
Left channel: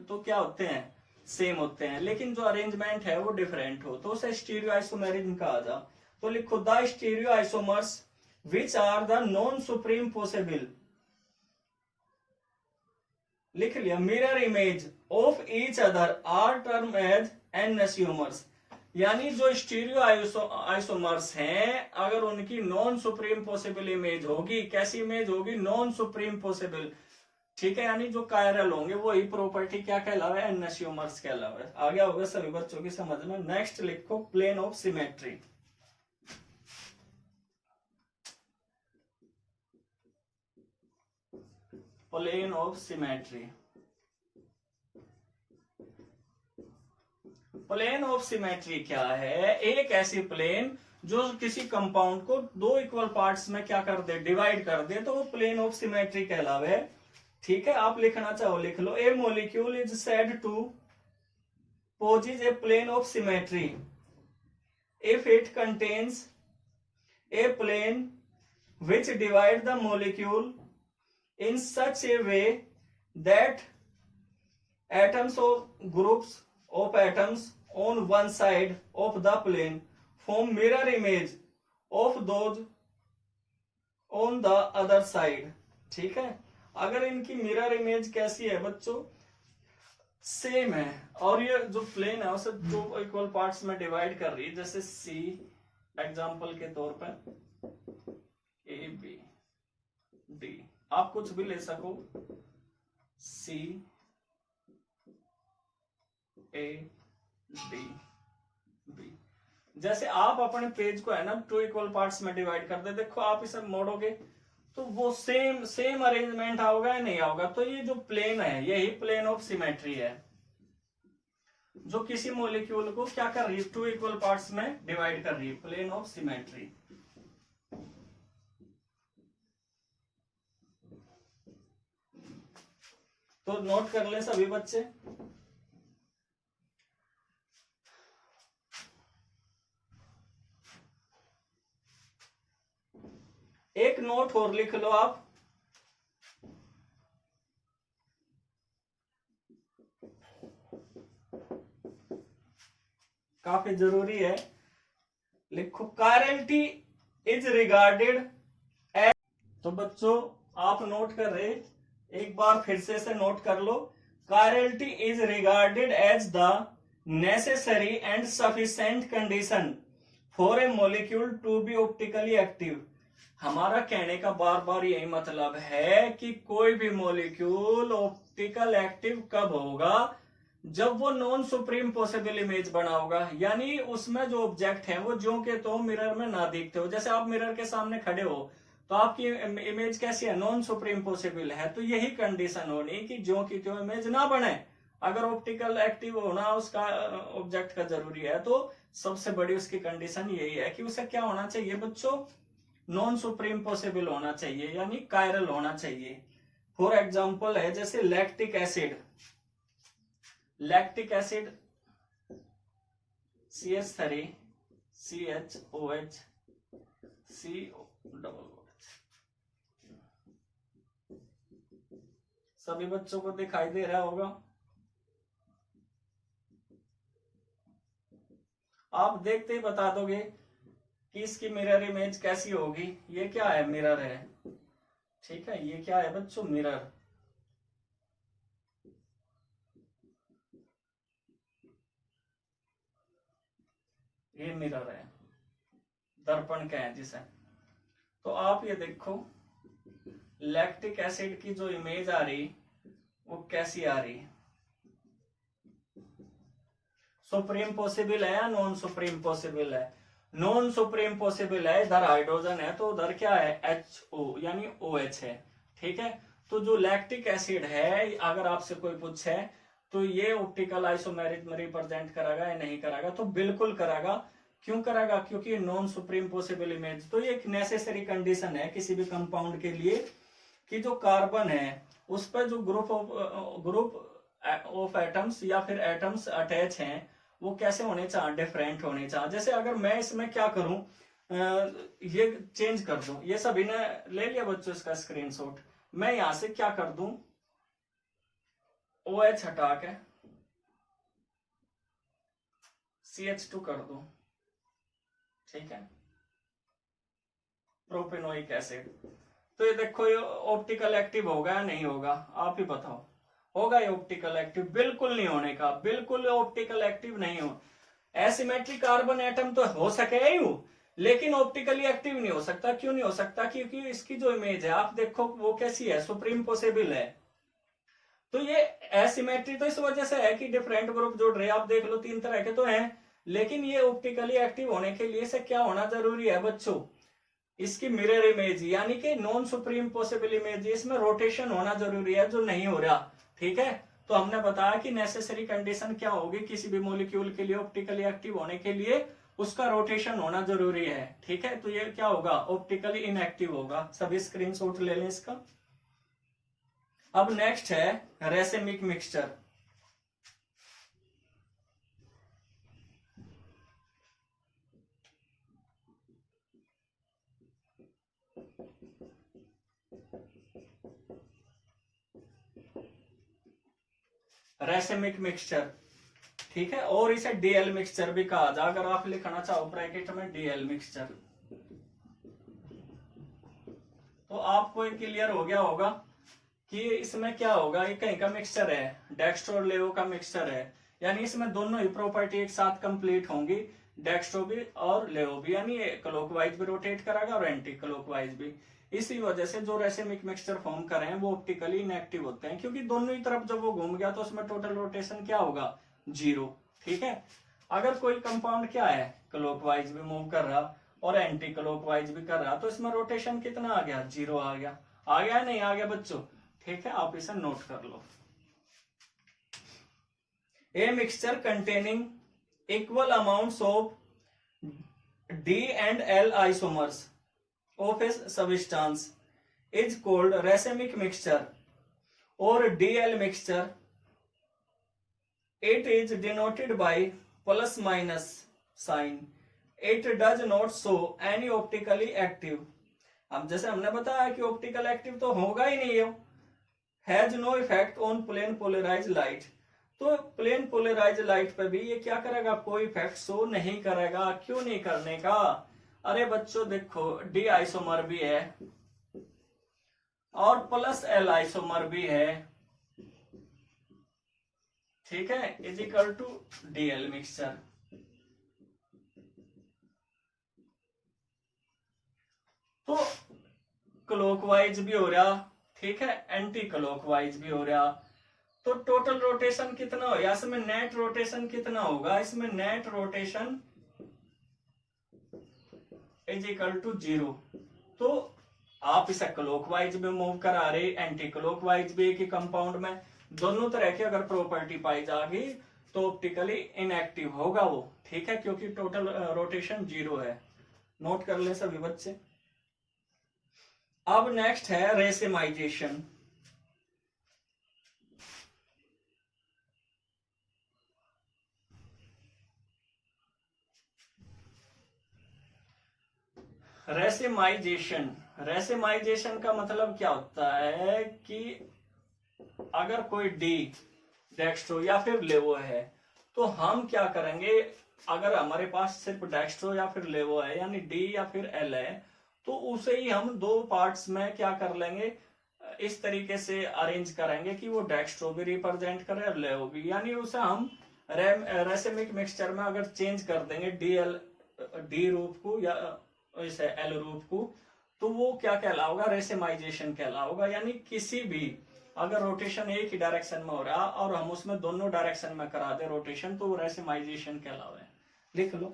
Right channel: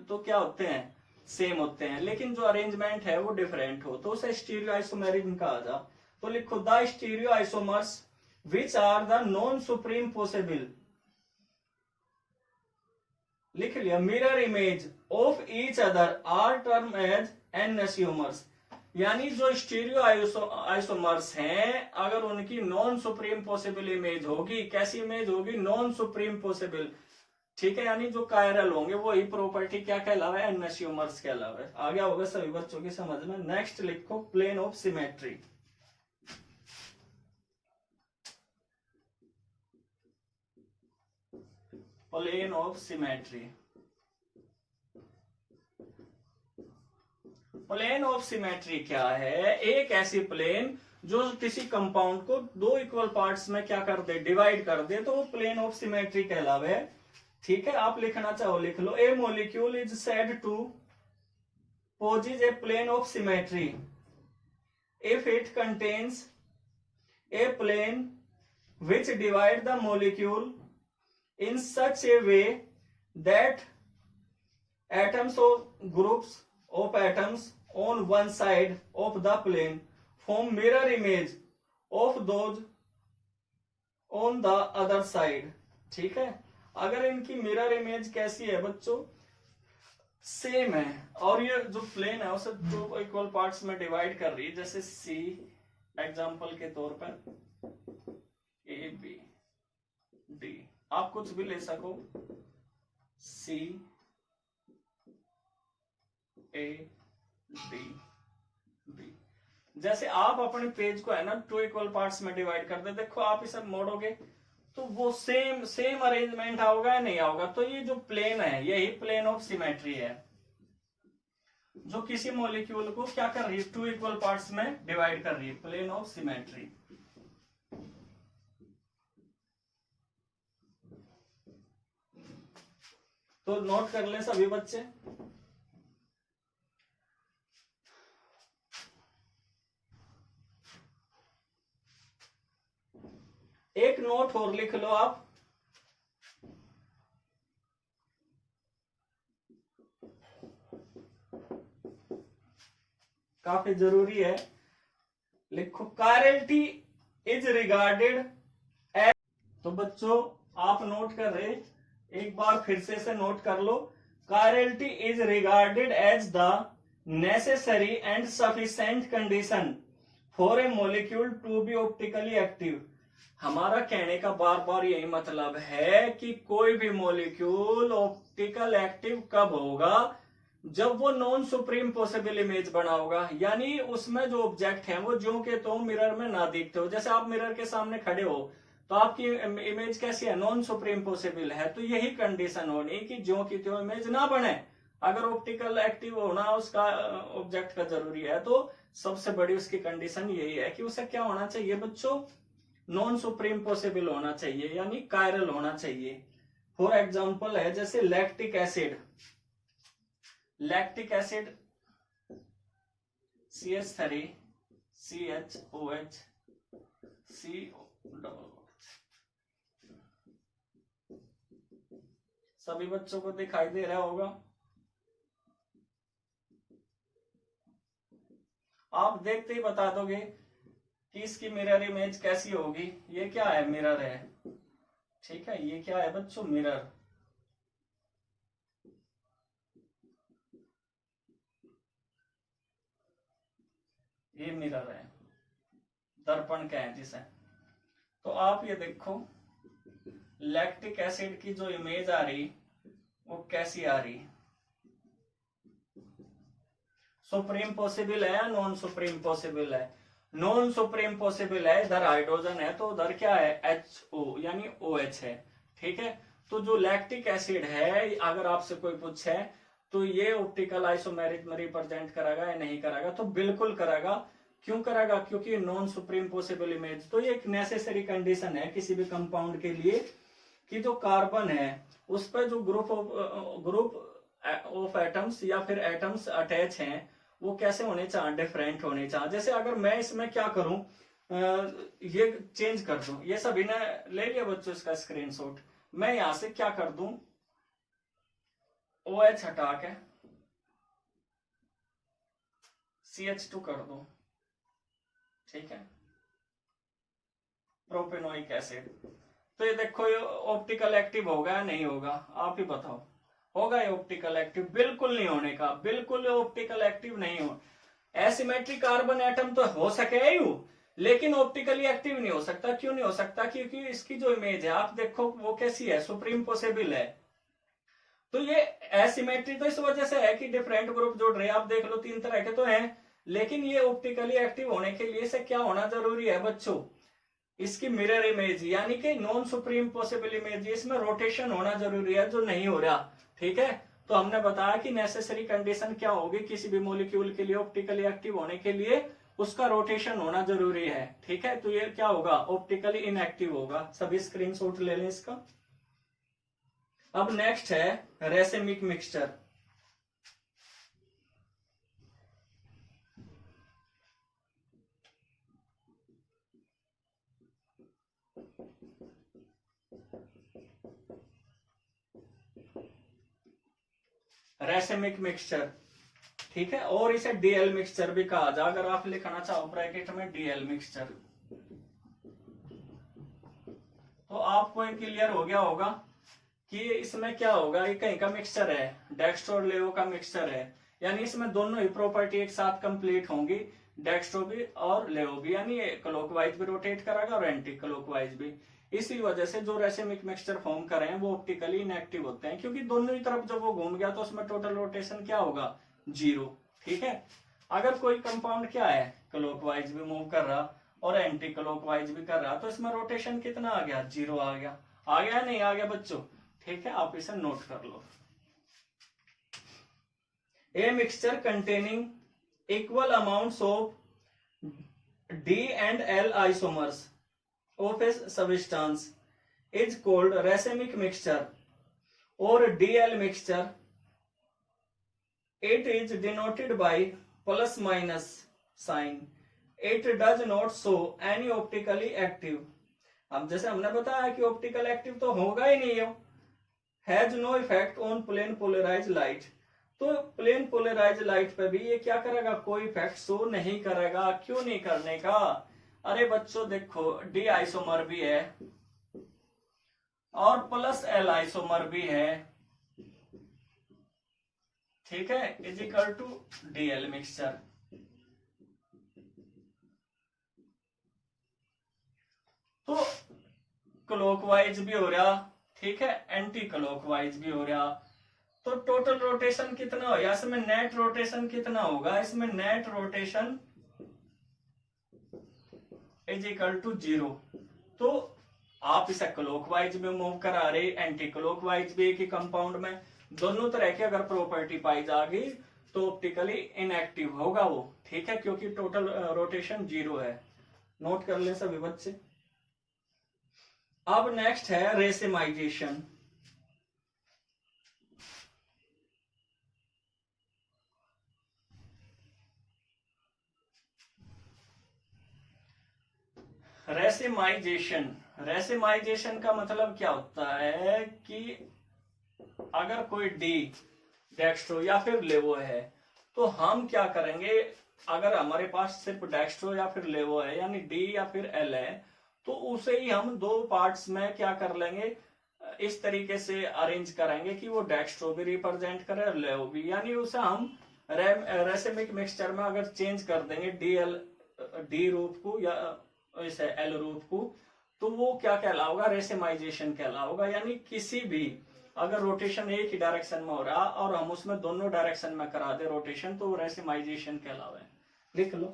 तो क्या होते हैं? सेम होते हैं, लेकिन जो अरेंजमेंट है वो डिफरेंट हो, तो उसे स्टीरियो आइसोमेरिज्म कहा जा। तो लिखो the stereo isomers which are the non superimposable, लिख लिया, mirror image of each other are term as enantiomers. यानी जो स्टीरियो आइसोमर्स हैं, अगर उनकी नॉन सुप्रीम पॉसिबल इमेज होगी, कैसी इमेज होगी? नॉन सुप्रीम पॉसिबल, ठीक है, यानी जो कायरल होंगे वही प्रॉपर्टी क्या कहलावे, एनमेसियोमर्स कहलावे। आ गया होगा सभी बच्चों की समझ में। नेक्स्ट लिखो plane of symmetry. Plane of symmetry. Plane of symmetry क्या है, एक ऐसी प्लेन जो किसी कंपाउंड को दो इक्वल पार्ट्स में क्या कर दे, डिवाइड कर दे, तो वो प्लेन ऑफ सिमेट्री कहलावे। ठीक है, आप लिखना चाहो लिख लो। A molecule is said to possess a plane of symmetry if it contains a plane which divide the molecule in such a way that atoms of groups of atoms on one side of the plane form mirror image of those on the other side। ठीक है, अगर इनकी mirror image कैसी है बच्चों, same है, और ये जो प्लेन है उसे दो इक्वल पार्ट्स में डिवाइड कर रही है, जैसे सी एग्जांपल के तौर पर ए बी डी, आप कुछ भी ले सको, सी ए डी बी। जैसे आप अपने पेज को है ना टू इक्वल पार्ट्स में डिवाइड कर दे, देखो आप इसे मोड़ोगे तो वो सेम अरेंजमेंट आओगा या नहीं आओगा। तो ये जो प्लेन है यही प्लेन ऑफ सिमेट्री है, जो किसी मॉलिक्यूल को क्या कर रही है, टू इक्वल पार्ट्स में डिवाइड कर रही है, प्लेन ऑफ सिमेट्री। तो नोट कर लें सभी बच्चे। एक नोट और लिख लो आप, काफी जरूरी है, लिखो कायरलिटी इज रिगार्डेड एज। तो बच्चों आप नोट कर रहे, एक बार फिर से नोट कर लो, chirality is regarded as the necessary and sufficient condition for a molecule to be optically active. हमारा कहने का बार बार यही मतलब है कि कोई भी मॉलिक्यूल ऑप्टिकल एक्टिव कब होगा, जब वो नॉन सुप्रीम पॉसिबल इमेज बना होगा, यानी उसमें जो ऑब्जेक्ट है वो जो के तो मिरर में ना दिखते हो। जैसे आप मिरर के सामने खड़े हो तो आपकी इमेज कैसी है, नॉन सुप्रीम पॉसिबल है। तो यही कंडीशन होनी कि जो की तो इमेज ना बने। अगर ऑप्टिकल एक्टिव होना उसका ऑब्जेक्ट का जरूरी है, तो सबसे बड़ी उसकी कंडीशन यही है कि उसे क्या होना चाहिए बच्चों, नॉन सुप्रीम पॉसिबल होना चाहिए, यानी कायरल होना चाहिए। फॉर एग्जाम्पल है जैसे lactic acid, lactic acid CH3 CHOH CO। सभी बच्चों को दिखाई दे रहा होगा। आप देखते ही बता दोगे कि इसकी मिरर इमेज कैसी होगी। ये क्या है, मिरर है। ठीक है, ये क्या है बच्चों, मिरर। ये मिरर है, दर्पण का है जिसे। तो आप ये देखो लैक्टिक एसिड की जो इमेज आ रही वो कैसी आ रही, सुप्रीम पॉसिबल है या नॉन सुप्रीम पॉसिबल है, नॉन सुप्रीम पॉसिबल है। इधर हाइड्रोजन है तो उधर क्या है, HO यानी OH है। ठीक है, तो जो लैक्टिक एसिड है अगर आपसे कोई पूछे तो ये ऑप्टिकल आइसोमेरिक में रिप्रेजेंट कराएगा या नहीं कराएगा, तो बिल्कुल कराएगा। क्यों कराएगा, क्योंकि नॉन सुप्रीम पॉसिबल इमेज। तो ये एक नेसेसरी कंडीशन है किसी भी कंपाउंड के लिए कि जो कार्बन है उस पर जो ग्रुप ऑफ एटम्स या फिर एटम्स अटैच हैं वो कैसे होने चाहिए, डिफरेंट होने चाहिए। जैसे अगर मैं इसमें क्या करूं, ये चेंज कर दूं, ये सभी ने ले लिया बच्चों इसका स्क्रीनशॉट। मैं यहां से क्या कर दूं, OH हटा के CH2 कर दूं। ठीक है, प्रोपेनोइक एसिड। तो ये देखो ये ऑप्टिकल एक्टिव होगा या नहीं होगा, आप ही बताओ। होगा ये ऑप्टिकल एक्टिव, बिल्कुल नहीं होने का, बिल्कुल ऑप्टिकल एक्टिव नहीं हो। एसिमेट्रिक कार्बन एटम तो हो सके ही, लेकिन ऑप्टिकली एक्टिव नहीं हो सकता। क्यों नहीं हो सकता, क्योंकि इसकी जो इमेज है आप देखो वो कैसी है, सुप्रीम पॉसिबल है। तो ये एसिमेट्री तो इस वजह से है कि डिफरेंट ग्रुप जुड़ रहे हैं। आप देख लो 3 तरह के तो हैं, लेकिन ये ऑप्टिकली एक्टिव होने के लिए से क्या होना जरूरी है बच्चों, इसकी मिरर इमेज यानी कि नॉन सुप्रीम पॉसिबल इमेज, इसमें रोटेशन होना जरूरी है जो नहीं हो रहा। ठीक है, तो हमने बताया कि नेसेसरी कंडीशन क्या होगी किसी भी मॉलिक्यूल के लिए ऑप्टिकली एक्टिव होने के लिए, उसका रोटेशन होना जरूरी है। ठीक है, तो ये क्या होगा, ऑप्टिकली इनएक्टिव होगा। सभी स्क्रीनशॉट ले लें इसका। अब नेक्स्ट है रेसिमिक मिक्सचर। रेसिमिक मिक्सचर, ठीक है, और इसे डीएल मिक्सचर भी कहा जा, अगर आप लिखना चाहो ब्रैकेट में डीएल मिक्सचर, तो आपको एक क्लियर हो गया होगा कि इसमें क्या होगा। ये कहीं का मिक्सचर है, डेक्स्ट्रो और लेवो का मिक्सचर है, यानी इसमें दोनों ही प्रॉपर्टी एक साथ कंप्लीट होंगी, डेक्स्ट्रो भी और लेवो भी, यानी क्लॉकवाइज भी रोटेट करेगा और एंटी क्लॉकवाइज भी। इसी वजह से जो रेसिमिक मिक्सचर फॉर्म कर रहे हैं वो ऑप्टिकली इनएक्टिव होते हैं, क्योंकि दोनों ही तरफ जब वो घूम गया तो उसमें टोटल रोटेशन क्या होगा, 0। ठीक है, अगर कोई कंपाउंड क्या है, क्लॉकवाइज भी मूव कर रहा और एंटी क्लॉकवाइज भी कर रहा, तो इसमें रोटेशन कितना आ गया, 0 आ गया। आ गया नहीं आ गया बच्चों? ठीक है, आप इसे नोट कर लो। A mixture containing equal amounts of D and L isomers of a substance is called racemic mixture or DL mixture. It is denoted by plus minus sign. It does not show any optically active. अब जैसे हमने बताया कि optical active तो होगा ही नहीं, has no effect on plane polarise light. तो प्लेन पोलराइज लाइट पे भी ये क्या करेगा, कोई इफेक्ट शो नहीं करेगा। क्यों नहीं करने का? अरे बच्चों देखो, डी आइसोमर भी है और प्लस एल आइसोमर भी है, ठीक है, is equal to DL mixture. तो क्लॉकवाइज भी हो रहा, ठीक है, एंटी क्लॉकवाइज भी हो रहा, तो टोटल रोटेशन कितना हो, इसमें नेट रोटेशन कितना होगा, इसमें net rotation is equal to 0। तो आप इसे क्लॉकवाइज में मूव करा रहे, एंटी क्लॉकवाइज भी एक ही कंपाउंड में, दोनों तरह की अगर प्रॉपर्टी पाई जाएगी तो ऑप्टिकली इनएक्टिव होगा वो। ठीक है, क्योंकि टोटल रोटेशन 0 है। नोट कर ले सभी बच्चे। अब नेक्स्ट है रेसिमाइजेशन। रेसिमाइजेशन का मतलब क्या होता है कि अगर कोई डी डेक्स्ट्रो या फिर लेवो है तो हम क्या करेंगे, अगर हमारे पास सिर्फ डेक्स्ट्रो या फिर लेवो है यानी डी या फिर एल है, तो उसे ही हम 2 पार्ट्स में क्या कर लेंगे, इस तरीके से अरेंज करेंगे कि वो डेक्स्ट्रो भी रिप्रेजेंट करे और लेवो भी, यानी उसे हम रेसिमिक मिक्सचर में अगर चेंज कर देंगे डी रूप को या इसे एल रूप को, तो वो क्या कहलाओगा, रेसिमाइजेशन कहलाओगा। यानी किसी भी अगर रोटेशन एक ही डायरेक्शन में हो रहा और हम उसमें दोनों डायरेक्शन में करा दे रोटेशन, तो वो रेसिमाइजेशन कहलावे। लिख लो,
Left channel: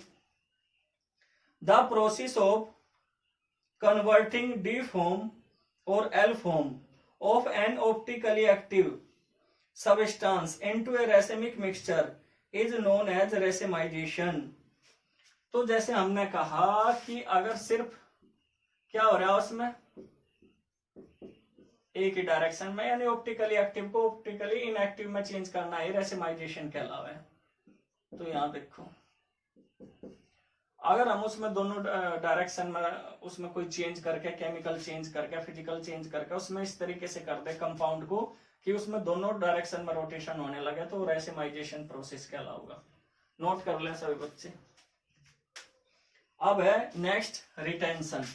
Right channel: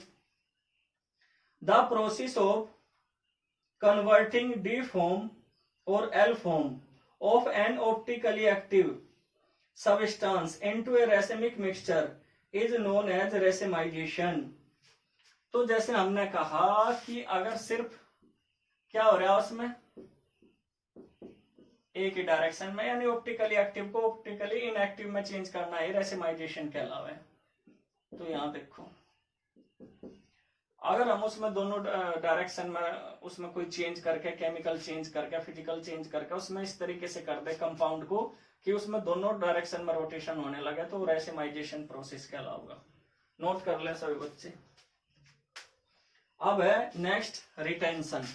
the process of converting D form और L form of an optically active substance into a racemic mixture is known as racemisation. तो जैसे हमने कहा कि अगर सिर्फ क्या हो रहा है उसमें एक ही डायरेक्शन में, यानी ऑप्टिकली एक्टिव को ऑप्टिकली इनएक्टिव में चेंज करना है, रेसिमाइजेशन कहलावे। तो यहां देखो, अगर हम उसमें दोनों डायरेक्शन में उसमें कोई चेंज करके, केमिकल चेंज करके, फिजिकल चेंज करके उसमें इस तरीके से कर दे कंपाउंड को कि उसमें दोनों डायरेक्शन में रोटेशन होने लगे, तो रेसिमाइजेशन प्रोसेस कहलाऊगा। नोट कर ले सभी बच्चे। अब है नेक्स्ट रिटेंशन।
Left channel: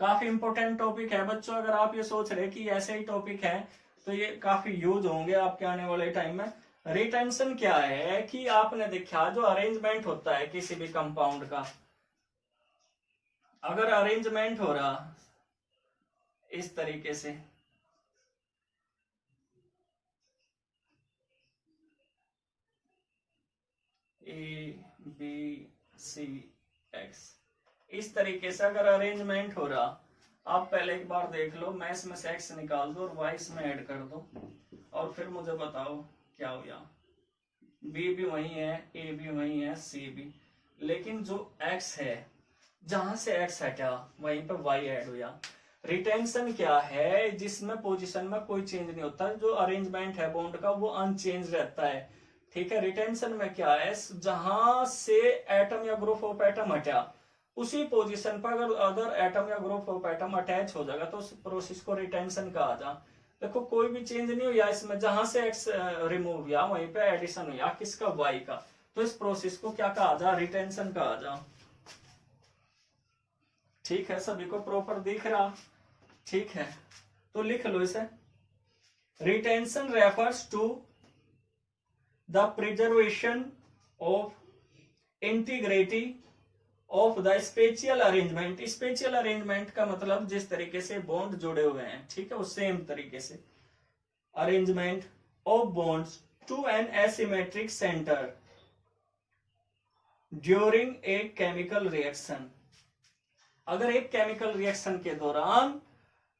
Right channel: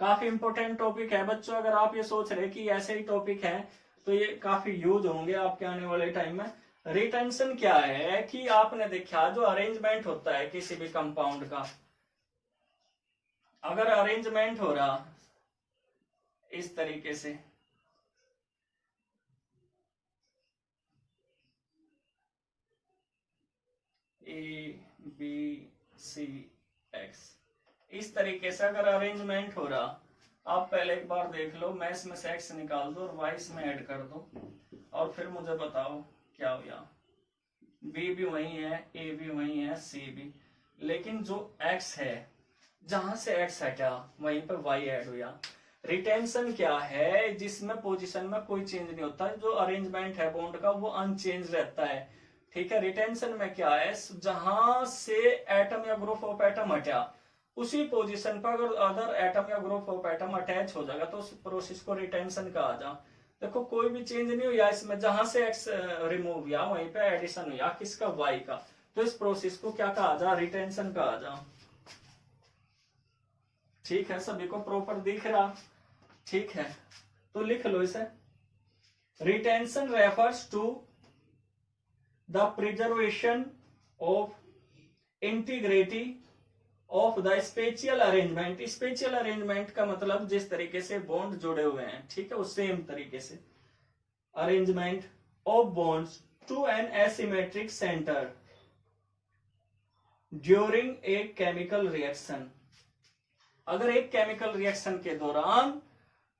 काफी इंपॉर्टेंट टॉपिक है बच्चों। अगर आप ये सोच रहे कि ऐसे ही टॉपिक है तो ये काफी यूज होंगे आपके आने वाले टाइम में, रिटेंशन क्या है कि आपने देखा जो अरेंजमेंट होता है किसी भी कंपाउंड का, अगर अरेंजमेंट हो रहा इस तरीके से, ए बी सी एक्स, इस तरीके से अगर अरेंजमेंट हो रहा, आप पहले एक बार देख लो, मैं इसमें से एक्स निकाल दो और वाई इसमें ऐड कर दो और फिर मुझे बताओ क्या हो गया। बी भी वही है, ए भी वही है, सी भी, लेकिन जो एक्स है जहां से एक्स हटा वहीं पे वाई ऐड हुआ। रिटेंशन क्या है, जिसमें पोजीशन में कोई चेंज नहीं होता, जो अरेंजमेंट है बॉन्ड का वो अनचेंज रहता है। ठीक है, रिटेंशन में क्या है, जहां से एटम या ग्रुप ऑफ एटम हटा उसी पोजीशन पर अगर अदर एटम या ग्रुप ऑफ एटम अटैच हो जाएगा तो उस प्रोसेस को रिटेंशन कहा जा। देखो कोई भी चेंज नहीं हुआ इसमें, जहां से एक्स रिमूव हुआ वहीं पे एडिशन हुआ किसका, वाई का, तो इस प्रोसेस को क्या कहा जा, रिटेंशन कहा जा। ठीक है, सभी को प्रॉपर दिख रहा, ठीक है, तो लिख लो इसे। Retention refers to the preservation of integrity of the spatial arrangement. Spatial arrangement का मतलब जिस तरीके से बॉन्ड जुड़े हुए हैं, ठीक है, उस सेम तरीके से arrangement of bonds to an asymmetric centre during a chemical reaction. अगर एक केमिकल रिएक्शन के दौरान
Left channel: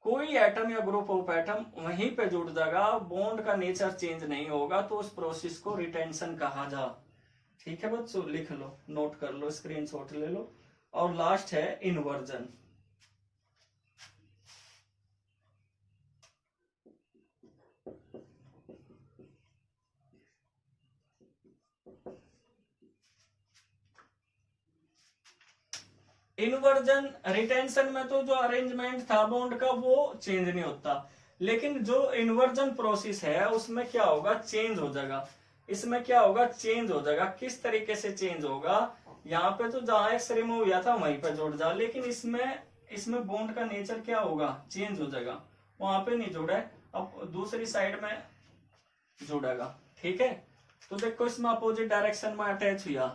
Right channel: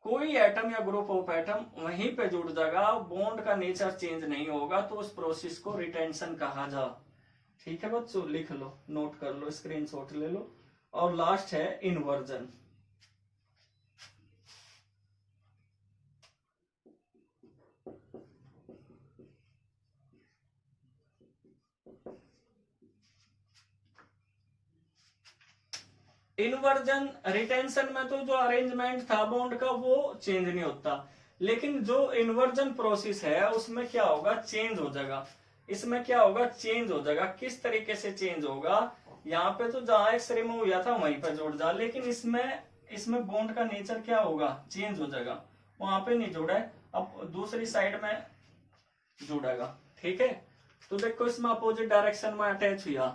कोई एटम या ग्रुप ऑफ एटम वहीं पे जुड़ जाएगा, बॉन्ड का नेचर चेंज नहीं होगा, तो उस प्रोसेस को रिटेंशन कहा जा। ठीक है बच्चों, लिख लो, नोट कर लो, स्क्रीनशॉट ले लो। और लास्ट है इन्वर्जन। इन्वर्जन, रिटेंशन में तो जो अरेंजमेंट था बॉन्ड का वो चेंज नहीं होता, लेकिन जो इन्वर्जन प्रोसेस है उसमें क्या होगा, चेंज हो जाएगा। इसमें क्या होगा, चेंज हो जाएगा। किस तरीके से चेंज होगा, यहाँ पे तो जहां एक्स रिमूव हुआ था वहीं पे जुड़ जा, लेकिन इसमें बॉन्ड का नेचर क्या होगा, चेंज हो जाएगा, वहां पे नहीं जुड़ा है, अब दूसरी साइड में जुड़ेगा। ठीक है, तो देखो इसमें अपोजिट डायरेक्शन में अटैच हुआ,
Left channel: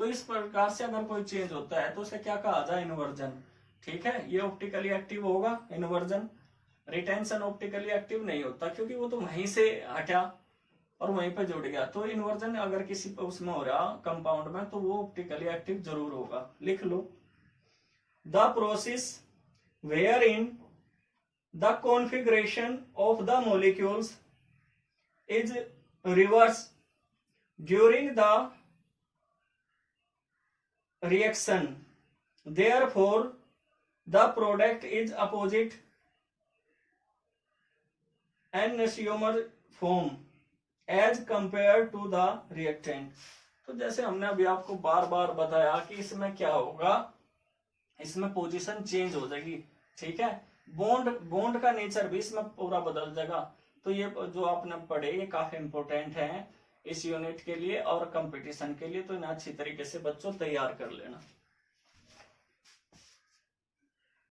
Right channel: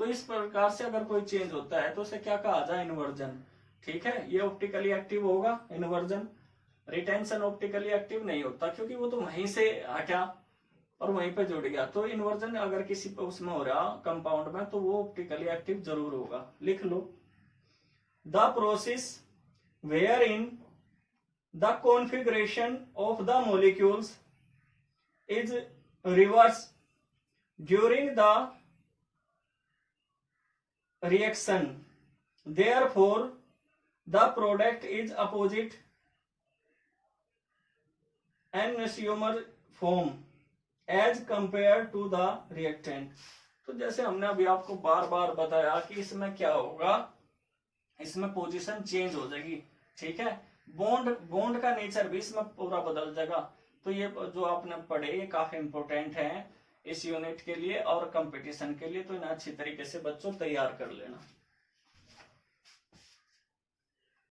तो इस प्रकार से अगर कोई चेंज होता है तो उसे क्या कहा जाए, इन्वर्जन। ठीक है, ये ऑप्टिकली एक्टिव होगा इन्वर्जन। रिटेंशन ऑप्टिकली एक्टिव नहीं होता क्योंकि वो तो वहीं से हटा और वहीं पे जुड़ गया। तो इन्वर्जन अगर किसी उसमें हो रहा कंपाउंड में तो वो ऑप्टिकली एक्टिव जरूर होगा। लिख लो, the process where in the configuration of the molecules is reverse during the reaction, therefore the product is opposite enantiomer form as compared to the reactant। तो जैसे हमने अभी आपको बार बार बताया कि इसमें क्या होगा, इसमें पोजीशन चेंज हो जाएगी। ठीक है, बॉन्ड का नेचर भी इसमें पूरा बदल जाएगा। तो ये जो आपने पढ़े ये काफी इंपॉर्टेंट है इस यूनिट के लिए और कंपटीशन के लिए, तो इन्हें अच्छी तरीके से बच्चों तैयार कर लेना।